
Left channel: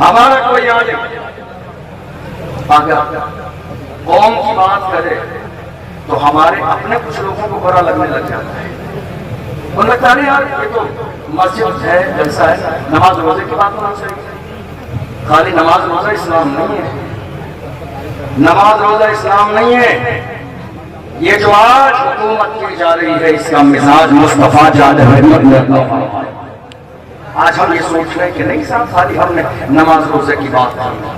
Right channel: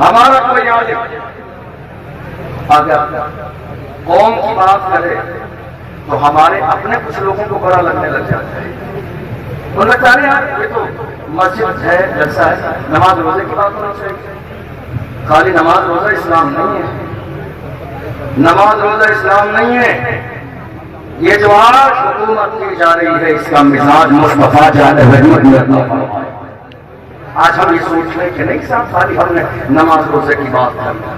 ہمارا کوئی عالم اگر قوم کی بات کرے تو ہمارے اپنے کچھ لوگوں کو برا لگنے لگ جاتا ہے. وہ لگتا نہیں یار یہ تو مسجد ہے, جلسہ ہے, نماز روزے کی بات ہونا چاہیے. خالی نماز روزہ اسلام نہیں ہے, نماز روزہ اسلام نہیں ہے. یہ جو آج حکومت کی جا رہی ہے اس کا مزاج مصطفیٰ جان رحمت نے اپنا فرمایا. آج ہم یہ سوچ رہے کہ نہیں صاحب خالی ہم نے نماز روزے کی بات کرنا.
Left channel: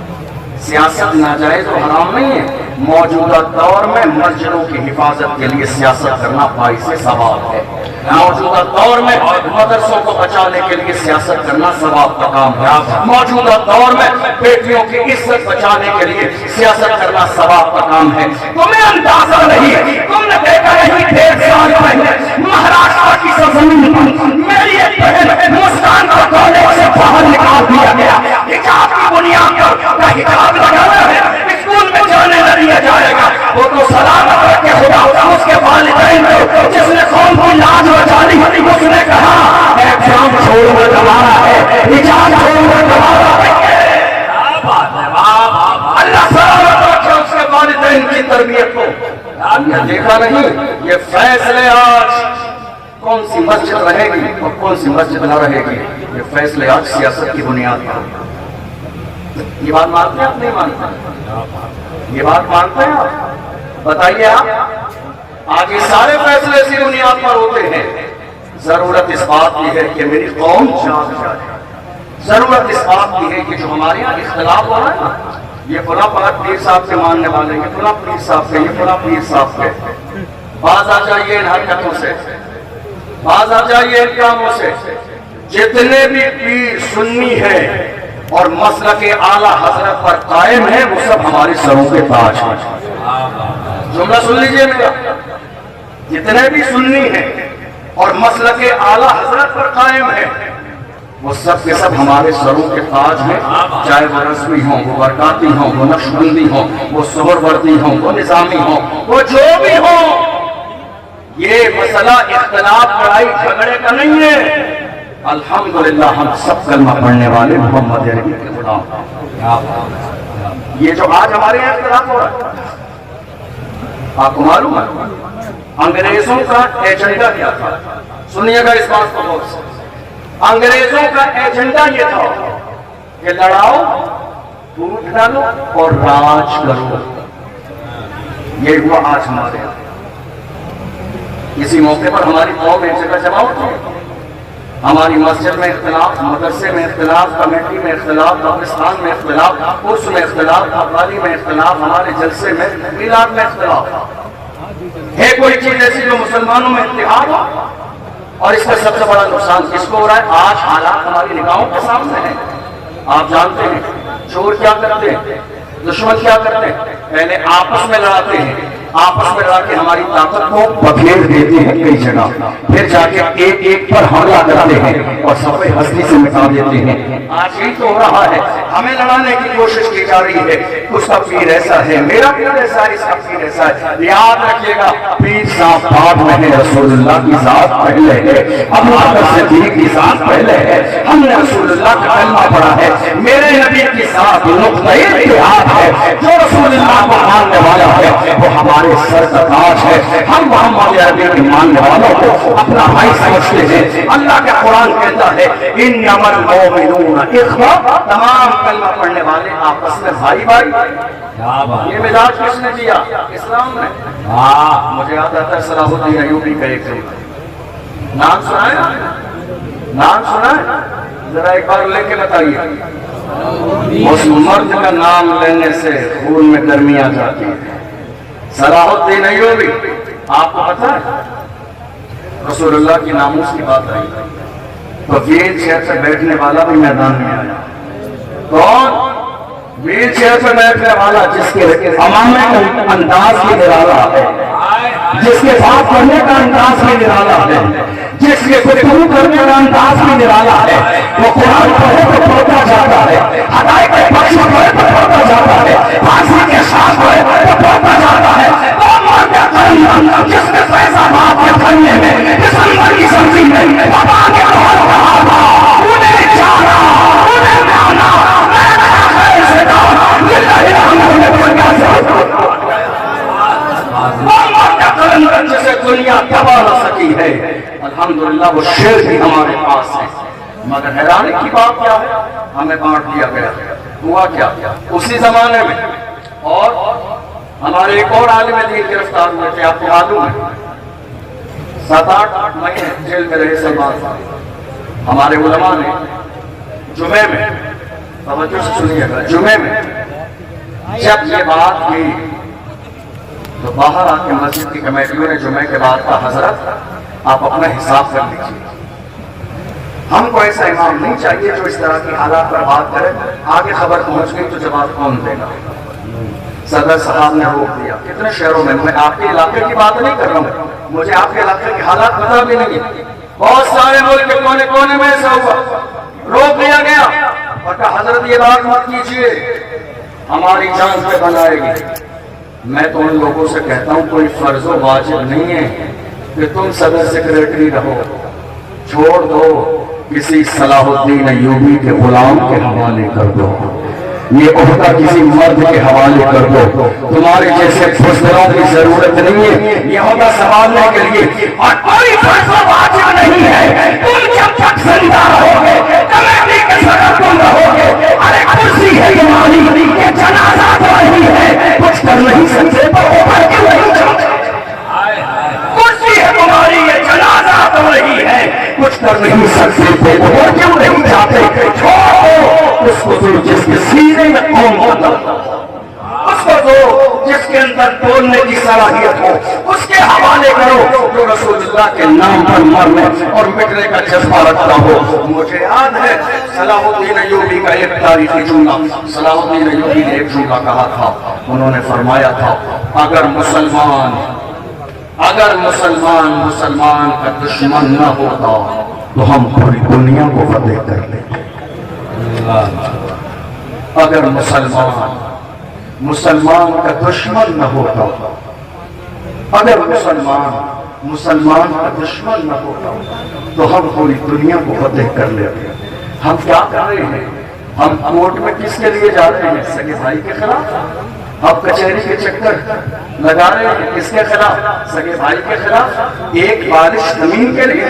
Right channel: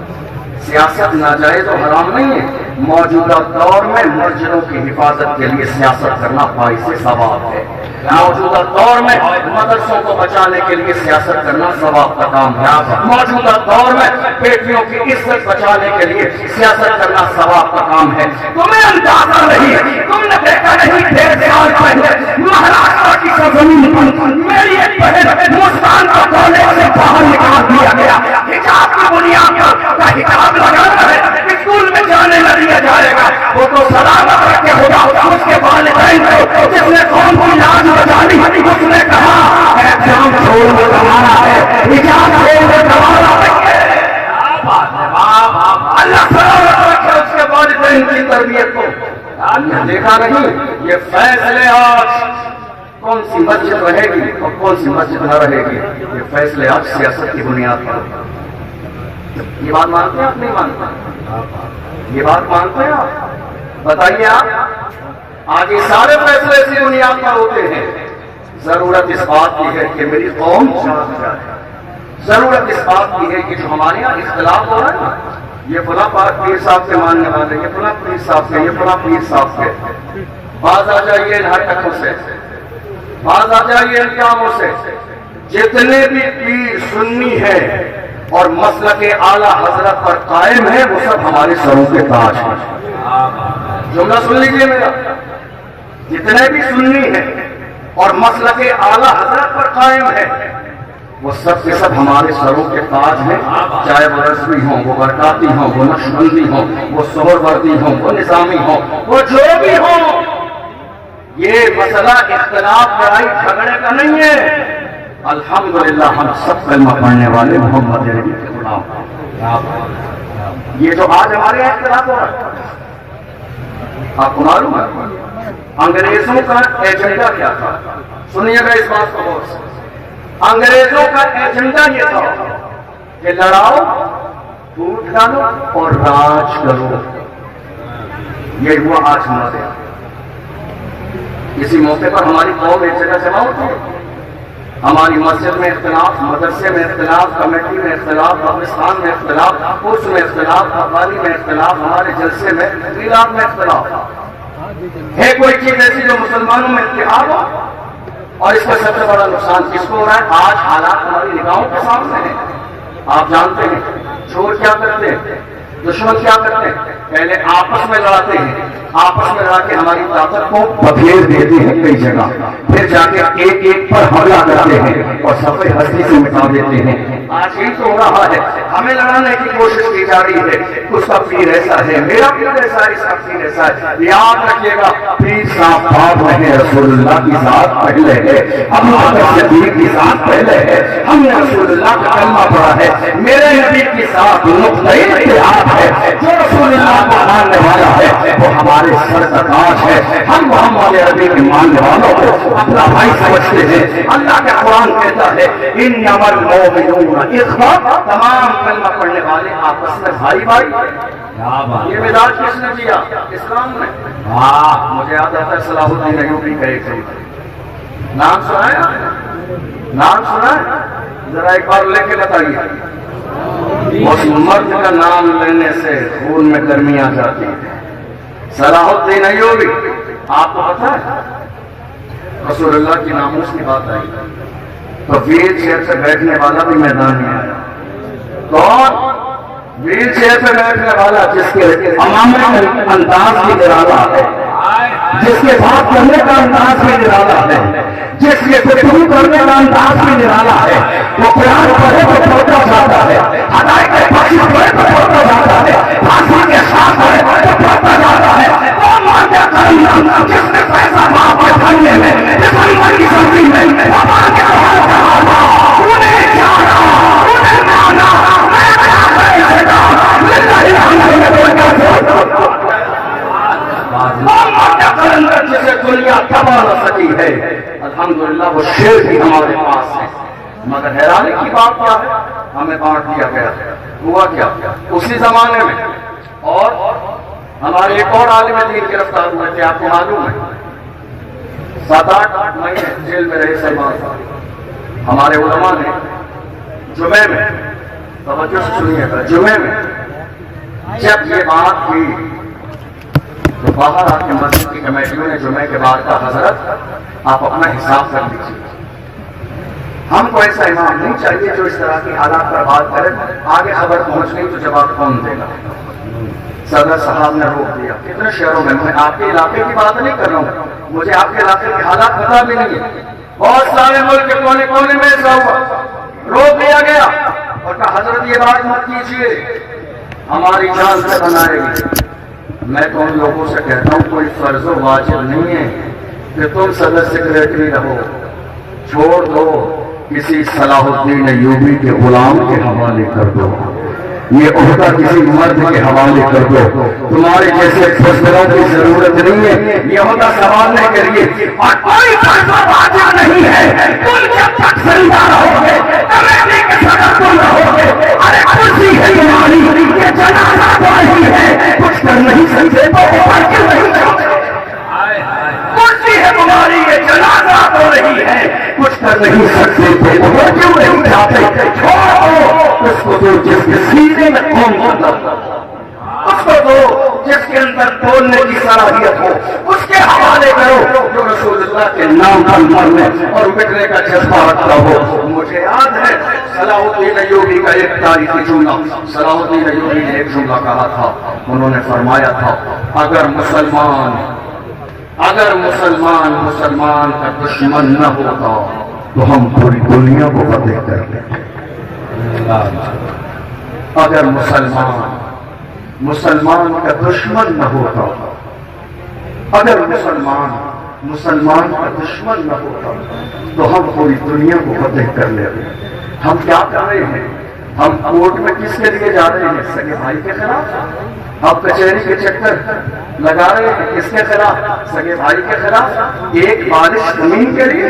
سیاست ناجائز و حرام نہیں ہے. موجودہ دور میں مسجدوں کی حفاظت کے لیے سیاست کرنا باعث ثواب ہے. موجودہ دور میں مدرسوں کو بچانے کے لیے سیاست کرنا ثواب کا کام ہے. موجودہ دور میں بیٹیوں کی عزت بچانے کے لیے سیاست کرنا ثواب کا کام ہے. تمہیں اندازہ نہیں, تم نے دیکھا نہیں 1.5 سال پہلے مہاراشٹر کی سرزمین پر میری ایک بہن مسکان کو کالج سے باہر نکال دیا گیا. حجاب کی بنیاد پر حجاب لگانا ہے, اسکول میں جانے نہ دیا جائے گا. وہ تو سلامت رکھے خدا اس کے والدین کو جس نے قوم کی لاج بچالی. اس نے کہا ایگزام چھوڑ کر ہمارا ہے, حجاب چھوڑ کر ہمارا ہے. اللہ سلامت رکھے اس کے والدین کی تربیت کو. دیکھا نہیں یہ فیصلے آج کون سی مسجد رہے گی اور کون سی مسجد نہ رہے گی, یہ فیصلے آج سیاست کی بنیاد پر. یہ بات مانتے ہیں آپ نہیں مانتے؟ یہ بات مانتے ہیں آپ؟ بتائیے آپ. آگے سارے فیصلے اسی بنیاد پر ہوتے ہیں. ضرورت اس بات کی ہے کہ میری قوم جان جائے. ضرورت اس بات کی ہے کہ جو ہمارے یہاں اختلاف ہو رہا ہے نا, یہ فلاں پیر صاحب کے ماننے والے, یہ فلاں پیر صاحب کے, یہ فلاں پیر صاحب کے, باز آ جائیے ان حرکتوں سے, باز آ جائیے ان کاموں سے. جتنے بھی پیر سنی ہیں اور مسلک اعلیٰ حضرت پر قائم ہے وہ سب ہمارے سروں کے تاج ہیں. جملہ سن لیجئے میرا, جتنے بھی سنی ہیں اور مسلک اعلیٰ حضرت پر قائم ہے وہ سب کے سب ہمارے سروں کے تاج ہیں. چاہے وہ رضوی ہوں, وہ برکاتی ہوں, وہ نقشبندی ہوں, وہ سہروردی ہوں, وہ نظامی ہوں, وہ جو بھی ہوں. یہ مسئلہ اختلاف لڑائی جھگڑے کا نہیں ہے. الحمدللہ ہم سب کلمہ پڑھنے والے محمد عربی کے غلام. یہ جو آج ہمارے یہاں اختلاف ہو رہا ہے, آپ کو معلوم ہے انگریزوں کا ایجنڈا کیا تھا؟ سنیے گا اس بات کو غور سے. انگریزوں کا ایجنڈا یہ تھا کہ لڑاؤ, ٹوٹ ڈالو اور راج کرو. یہ ہوا آج ہمارے یہاں. اسی موقع پر ہماری قوم ایک جگہ جمع ہوتی ہے. ہماری مسجد میں اختلاف, مدرسے میں اختلاف, کمیٹی میں اختلاف, قبرستان میں اختلاف, عرس میں اختلاف, قوالی میں اختلاف, ہمارے جلسے میں, میلاد میں اختلاف. ہے کوئی چیز ایسی جو مسلمانوں میں اتحاد ہو؟ اور اس کا سب سے بڑا نقصان کس کو ہو رہا ہے؟ آج حالات ہماری نگاہوں کے سامنے ہیں. آپ جانتے ہیں چور کیا کرتے ہیں, دشمن کیا کرتے ہیں؟ پہلے آپس میں لڑاتے ہیں, آپس میں لڑا کے ہماری طاقت کو بکھیر دیتے ہیں کئی جگہ, پھر جا کے ایک ایک پر حملہ کرتے ہیں اور سب ہستی سے مٹا دیتے ہیں. آج یہی تو ہو رہا ہے. ہمیں لڑانے کی کوشش کی جا رہی ہے. اس کا پیر ایسا ہے, میرا پیر ایسا ہے, اس کا پیر ایسا ہے. یاد رکھیے گا پیر صاحب بعد میں ہے, رسول اللہ کی ذات پہلے ہے, ابو بکر صدیق کی ذات پہلے ہے. ہم نے رسول اللہ کا کلمہ پڑھا ہے. میرے نبی کی ذات نقطۂ اتحاد ہے. جو رسول اللہ کو ماننے والا ہے وہ ہمارے سر کا تاج ہے. ہم محمد عربی کے ماننے والوں کو اپنا بھائی سمجھتے ہیں. اللہ کا قرآن کہتا ہے انما المؤمنون اخوہ, تمام کلمہ پڑھنے والے آپس میں بھائی بھائی. یہ مزاج کس نے دیا؟ اسلام نے. مجھے یاد آتا ہے صلاح الدین ایوبی کا ایک نام سنا ہے, نام سنا ہے, ذرا ایک بار لے کے بتائیے. اس مرد کا نام لینے سے خون میں گرمی آ جاتی ہے. صلاح الدین ایوبی آپ کو پتا ہے رسول اللہ کی ناموس کی بات آئی تو ویل چیئر پہ بیٹھنے والا بھی میدان میں آیا. کون؟ ویل چیئر پہ بیٹھنے والا جس کے عمامے کا انداز بھی نرالا ہے, جس کے بات کرنے کا انداز بھی نرالا ہے, جس کے گفتگو کرنے کا انداز بھی نرالا ہے. وہ قرآن پڑھے تو پڑھتا جاتا ہے, ہدایت کے بخش پڑھے تو پڑھتا جاتا ہے, پھانسی کے ساتھ پڑھے تو پڑھتا جاتا ہے. وہ مرد کرنا جس نے فیضان آباد کرنے میں دسمبر کی سبزی میں وبا کے حال رہا تھا, انہیں جانا انہیں مانا جسے دنیا دبا نہ سکی ہے. الحمدللہ وہ شیر بھی ہمارے پاس ہے. مگر حیرانی کی بات کیا ہے, ہمیں بانٹ دیا گیا. ہوا کیا اسی زمانے میں, اور ہمارے ایک اور عالم دین گرفتار ہوئے تھے. آپ کو معلوم ہے 7-8 مہینے جیل میں رہے سلمان. ہمارے علماء نے جمعے میں, توجہ سے سنیے گا, جمعے میں جب یہ بات کی تو باہر آ کے مسجد کی کمیٹیوں نے جمعے کے بعد کہا حضرت آپ اپنا حساب کر لیجیے, ہم کو ایسا امام نہیں چاہیے جو اس طرح کی حالات پر بات کرے. آگے خبر پہنچ گئی تو جواب کون دے گا. صدر صاحب نے روک دیا. کتنے شہروں میں, میں آپ کے علاقے کی بات نہیں کر رہا ہوں, مجھے آپ کے علاقے کے حالات پتہ بھی نہیں, بہت سارے ملک کے کونے کونے میں ایسا ہوا. روک دیا گیا اور کہا حضرت یہ بات مت کیجیے, ہماری جان سے بنائے گی. میں تو ان لوگوں سے کہتا ہوں کوئی فرض و واجب نہیں ہے کہ تم صدر سیکریٹری رہو, چھوڑ دو کسی صلاح الدین ایوبی کے غلام کے حوالے کر دو, یہ عہدہ کسی مرد کے حوالے کر دو. تمہارے جیسے بزدلوں کی ضرورت نہیں ہے یہ عہدہ سنبھالنے کے لیے, اور کوئی فرض و واجب نہیں ہے. تم جب تک زندہ رہو گے کمیٹی کے صدر تم رہو گے. ارے کرسی ہے تمہاری, یہ جنازہ تو نہیں ہے, کچھ کر نہیں سکتے تو اوپر کیوں نہیں چڑھتے. کرسی ہے تمہاری, یہ جنازہ تو نہیں ہے, کچھ کر نہیں سکتے تو اوپر کیوں نہیں جاتے. چھوڑو اس کو جو جس کے سینے میں قوم ہوتا, اس کو جو جس کے اندر بولنے کی صلاحیت ہو, اس کے حوالے کرو جو رسول اللہ کے نام پر مرنے اور مٹنے کا جذبہ رکھتا ہو. مجھے یاد ہے صلاح الدین ایوبی کا ایک تاریخی جملہ, صلاح الدین ایوبی نے ایک جملہ کہا تھا. انہوں نے فرمایا تھا اگر مسلمان کا دشمن نہ ہوتا تو ہم پوری دنیا کو فتح کر دیتے. اگر مسلمان کا دشمن نہ ہوتا, اگر مسلمان کا دشمن نہ ہوتا تو ہم پوری دنیا کو فتح کر لیتے. ہم کیا کر رہے ہیں, ہم کورٹ میں کس کے لیے جا رہے ہیں, سگے بھائی کے خلاف. اب کچہری کے چکر لگا رہے ہیں کس کے خلاف, سگے بھائی کے خلاف. ایک بالش زمین کے لیے,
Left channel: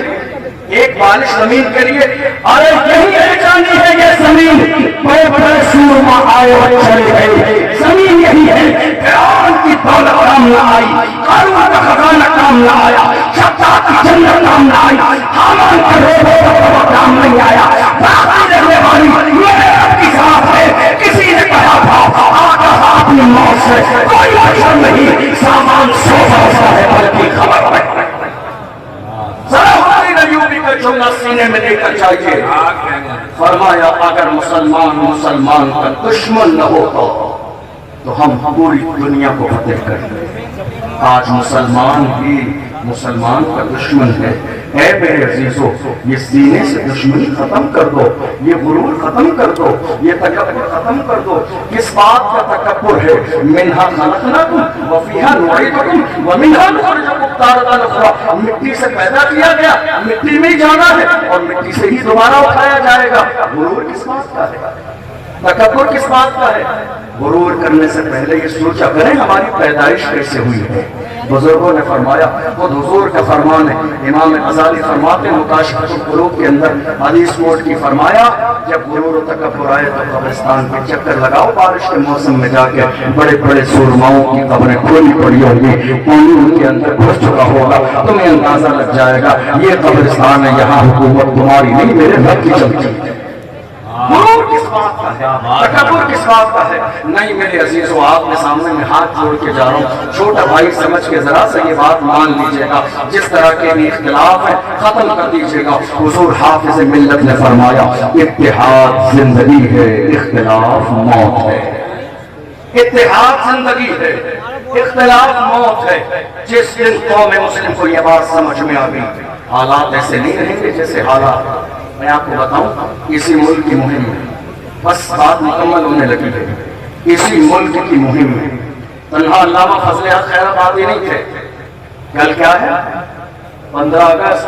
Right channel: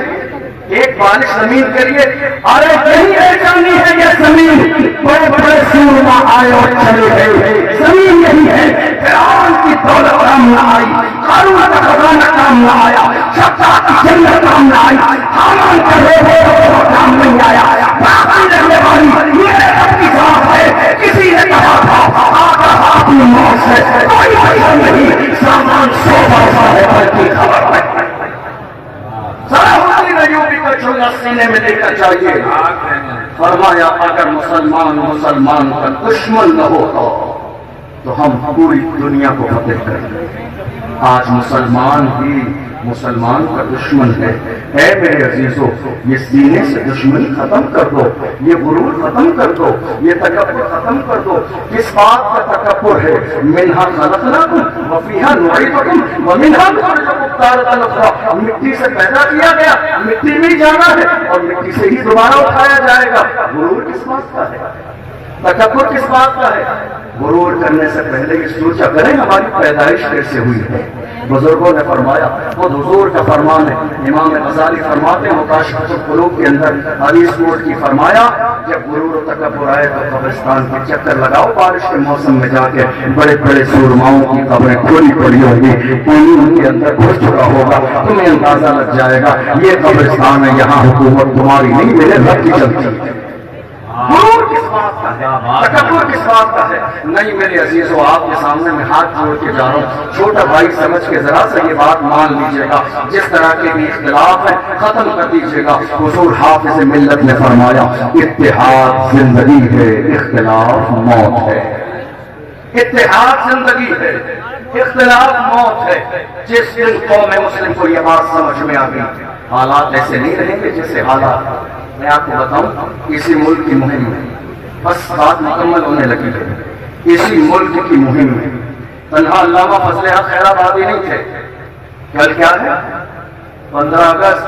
ایک بالش زمین کے لیے. ارے یہی پہچانی ہے یہ زمین, بڑے بڑے سورما آئے اور چلے گئے. زمین یہی ہے, فرعون کی دولت کام نہ آئی, قارون کا خزانہ کام نہ آیا, شداد کی جنت کام نہ آئی, حامان کا روح کام نہیں آیا. باقی رہنے والی میرے رب کی ذات ہے. کسی نے کہا تھا آقا اپنی موت سے کوئی مقصد نہیں, سامان سوزا سا ہے بلکہ خبر نہیں. صلاح الدین ایوبی کا جملہ سینے میں دیکھنا چاہیے. فرمایا اگر مسلمان کا دشمن نہ ہوتا تو ہم پوری دنیا کو فتح کر دیں. آج مسلمان کا دشمن ہے. اے میرے عزیزو, یہ سینے سے دشمنی ختم کر دو, یہ غرور ختم کر دو, یہ تکبر ختم کر دو. کس بات کا تکبر ہے؟ منہا خلقناکم وفیہا نعیدکم ومنہا نخرجکم تارۃ اخری. مٹی سے پیدا کیا گیا, مٹی میں جانا ہے اور مٹی سے ہی دوبارہ اٹھایا جائے گا. غرور کس بات کا ہے, تکبر کس بات کا ہے؟ غرور کرنے سے پہلے یہ سوچا کریں ہماری پیدائش کیسے ہوئی ہے. بزرگوں نے فرمایا, خود حضور کا فرمان ہے. امام غزالی فرماتے ہیں مکاشفۃ القلوب کے اندر حدیث کوٹ کی, فرمایا جب غرور و تکبر آئے تو قبرستان کے چکر لگاؤ. بارش کے موسم میں جا کے بڑے بڑے سورماؤں کی قبریں کھلی پڑی ہوگی, پانی ان کے اندر گھس چکا ہوگا, تمہیں اندازہ لگ جائے گا یہ قبرستان ہے, یہاں حکومت تمہاری نہیں میرے رب کی چلتی ہے. غرور کس بات کا ہے؟ تکبر کس بات کا ہے؟ نہیں میرے عزیزو، آپ کے سامنے میں ہاتھ جوڑ کے جا رہا ہوں، چھوٹا بھائی سمجھ کے ذرا سے یہ بات مان لیجیے گا، جس طرح کے بھی اختلاف ہے ختم کر دیجیے گا۔ حضور حافظ ملت نے فرمایا اتحاد زندگی ہے، اختلاف موت ہے۔ اتحاد زندگی ہے، اختلاف موت ہے۔ جس دن قوم مسلم کو یہ بات سمجھ میں آ گئی، حالات ایسے نہیں رہیں گے جیسے حالات، میں آپ کو بتاؤں اسی ملک کی مہم میں بس بات مکمل ہونے لگی ہے۔ اسی ملک کی مہم میں تنہا علامہ فضل حق خیر آبادی نہیں تھے۔ کل کیا ہے؟ 15 اگست۔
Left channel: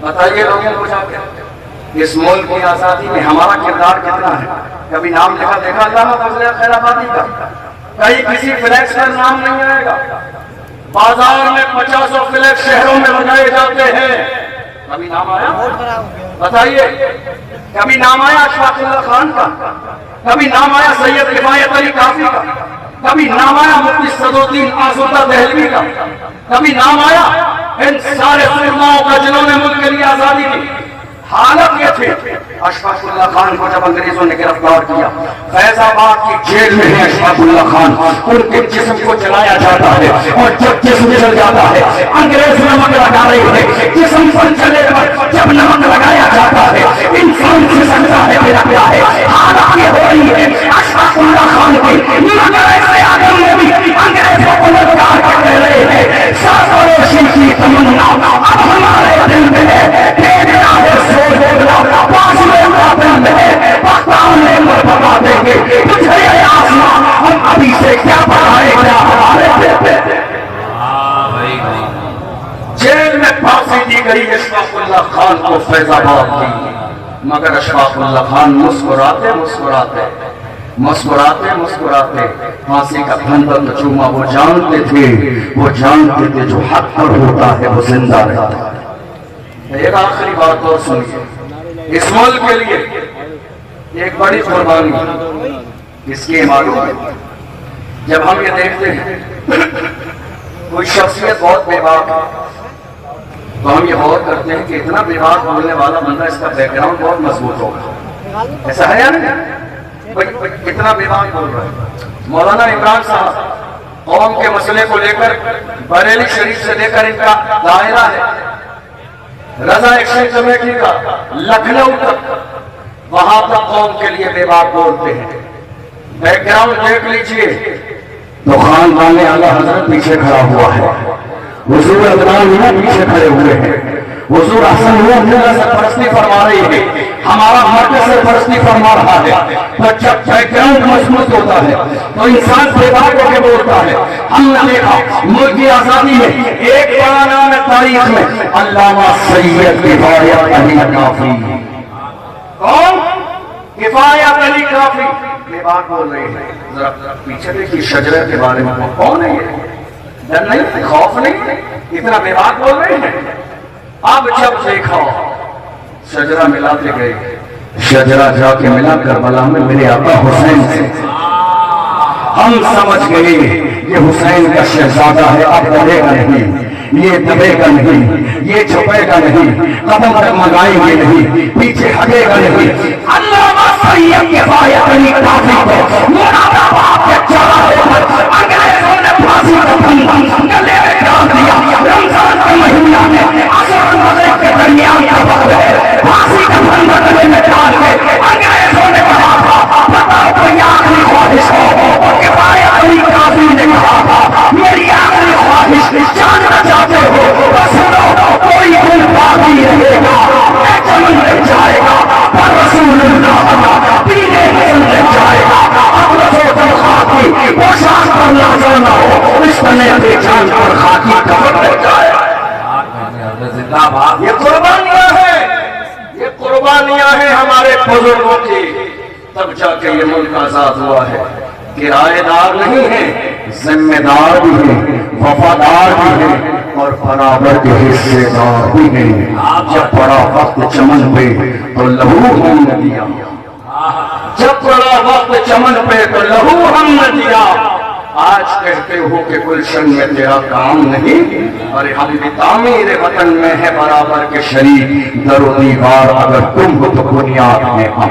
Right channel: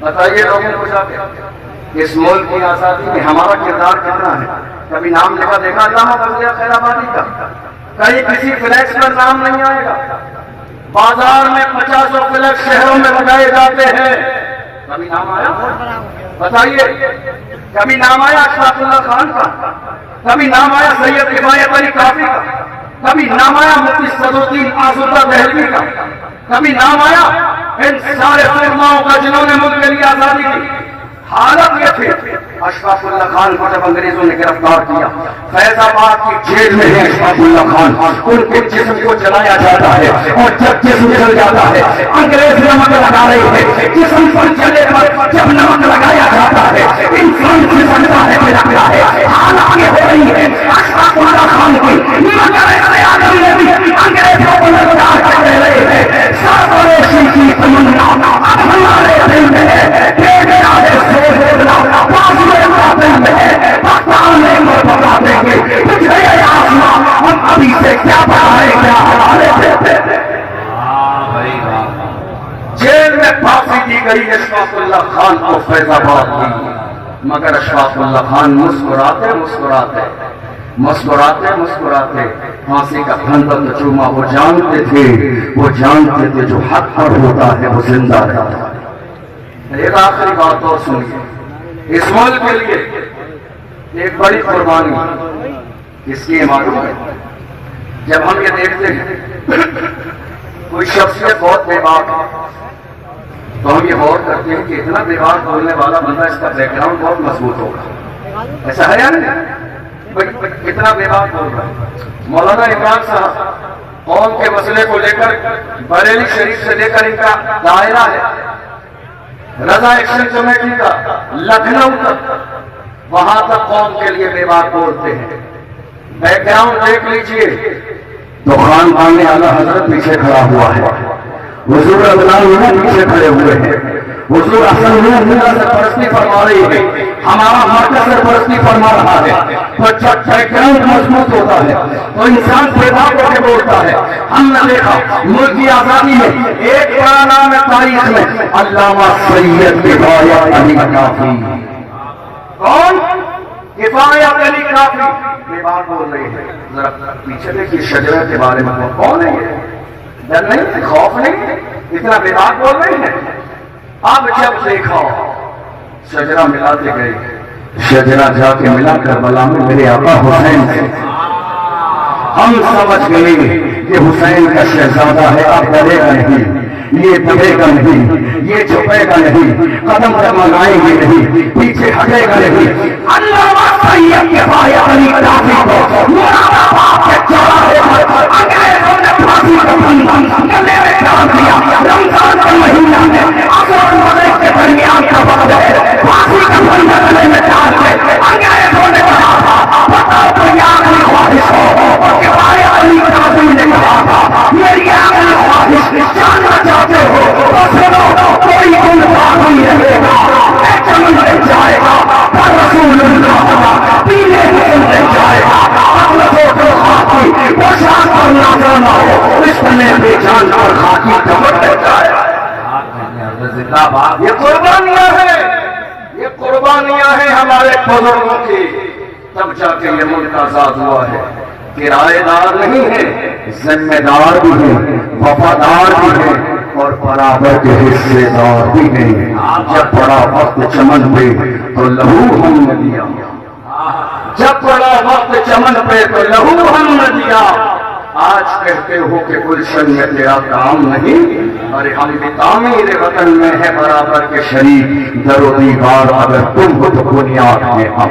بتائیے لوگوں کو جا کے اس ملک کی آزادی میں ہمارا کردار کتنا ہے؟ کبھی نام لکھا دیکھا علامہ فضل حق خیر آبادی کا؟ کہیں کسی فلیکس پر نام نہیں آئے گا۔ بازار میں 50 فلیکس شہروں میں لگائے جاتے ہیں، کبھی نام آیا؟ بتائیے، کبھی نام آیا اشفاق اللہ خان کا؟ کبھی نام آیا سید کفایت علی کافی کا؟ کبھی نام آیا مفتی صدرالدین آزردہ دہلوی کا؟ کبھی نام آیا ان سارے علماؤں کا جنہوں نے ملک کے لیے آزادی دی؟ حالت یہ تھی، اشفاق اللہ خان کو جب انگریزوں نے گرفتار کیا، فیض آباد کی جیل میں ہے اشفاق اللہ خان، ان کے جسم کو جلایا جاتا ہے، اور جب جسم جل جاتا ہے انگریز نمک لگا رہے ہیں، جسم پر جلے پر جب نمک لگایا جاتا ہے انسان سے سمجھا ہے کہ لگتا ہے حالات یہ ہو رہی ہے۔ اشفاق اللہ خان کی نظر آدم نے بھی انگریزوں کو للکار کر رہے ہیں، سازوے شم کی تمنا اب ہمارے دل میں ہے، تیرا ہے ہم ابھی سے کیا بتائیں کیا ہمارے جیل میں پھانسی دی گئی اشفاق اللہ خان کو فیض آباد کی، مگر اشفاق اللہ خان مسکراتے مسکراتے مسکراتے مسکراتے پھانسی کا پھندا تو چوما، وہ جانتے تھے جو حق پر ہوتا ہے وہ زندہ رہتا ہے۔ ایک آخری بات اور سنیے، اس ملک کے لیے ایک بڑی قربانی اس کی معلوم ہے۔ جب ہم یہ دیکھتے ہیں کوئی شخصیت بہت بے باک ہے تو ہم یہ غور کرتے ہیں کہ اتنا بے باک بولنے والا بندہ، اس کا بیک گراؤنڈ بہت مضبوط ہوگا، ایسا ہے یا نہیں؟ اتنا بے باک بول رہا ہے۔ مولانا عمران صاحب قوم کے مسئلے کو لے کر بریلی شریف سے لے کر ان کا دائرہ ہے رضا ایکشن کمیٹی کا لکھنؤ تک، وہاں تک قوم کے لیے بے باک بولتے ہیں۔ بیک گراؤنڈ دیکھ لیجئے تو خاندان اعلیٰ حضرت پیچھے کھڑا ہوا ہے، حضور عدنان پیچھے کھڑے ہوئے ہیں، حضور حسن اللہ سرپرستی فرما رہی ہے، ہمارا مرکز سرپرستی فرما رہا ہے۔ تو جب بیک گراؤنڈ مضبوط ہوتا ہے تو انسان بے باک ہو کے بولتا ہے۔ ہم نے دیکھا ملک کی آزادی میں ایک بڑا نام ہے تاریخ میں، علامہ سید کفایت علی کافی۔ کون؟ کفایت علی کافی بے باک بول رہے ہیں۔ ذرا پیچھے دیکھیے شجرہ کے بارے میں، کون ہے یہ؟ ڈر نہیں، خوف نہیں، اتنا بے باک بول رہے ہیں۔ اب جب دیکھا شجرہ ملاتے گئے، شجرہ جا کے ملا کربلا میں میرے آقا حسین سے، ہم سمجھ گئے یہ حسین کا شہزادہ ہے، اب ڈرے گا نہیں، یہ دبے گا نہیں، یہ چھپے گا نہیں، قدم ڈگمگائیں گے نہیں، پیچھے ہٹے گا نہیں۔ علامہ سید کفایت علی کافی کو مراد آباد کے چوراہے پر انگریزوں نے پھانسی کا پھندا گلے میں ڈال دیا۔ رمضان کا مہینہ ہے، عصر اور مغرب کے درمیان کا وقت ہے، پھانسی کا پھندا گلے میں ڈال کے انگریزوں نے کہا تھا بتاؤ کوئی آخری خواہش ہو، کفایت علی کافی نے کہا تھا میری آخری خواہش جاننا چاہتے ہو تو سنو، کوئی گل باقی رہے گا، ایک چمن مل جائے گا، پر رسول اللہ پیلے گل مل جائے گا، اپنا فوٹو خاکی پوشاک پر نازل نہ ہو، اس تنے پہ جان اور خاکی کفن مل جائے گا۔ یہ قربانیاں ہیں، یہ قربانیاں ہیں ہمارے بزرگوں کی، تب جا کے یہ ملک آزاد ہوا ہے۔ کرایہ دار نہیں ہے، ذمہ دار بھی ہیں، وفادار بھی ہیں، اور برابر کے حصے دار بھی ہیں۔ جب پڑا وقت چمن پہ تو لہو ہم نے دیا، جب پڑا وقت چمن پہ تو لہو ہم نے دیا۔ آج کہتے ہو کہ گلشن میں تیرا کام نہیں، ارے ہم بھی تعمیر وطن میں ہے برابر کے شریک، در و دیوار اگر تم ہو تو بنیاد میں ہم۔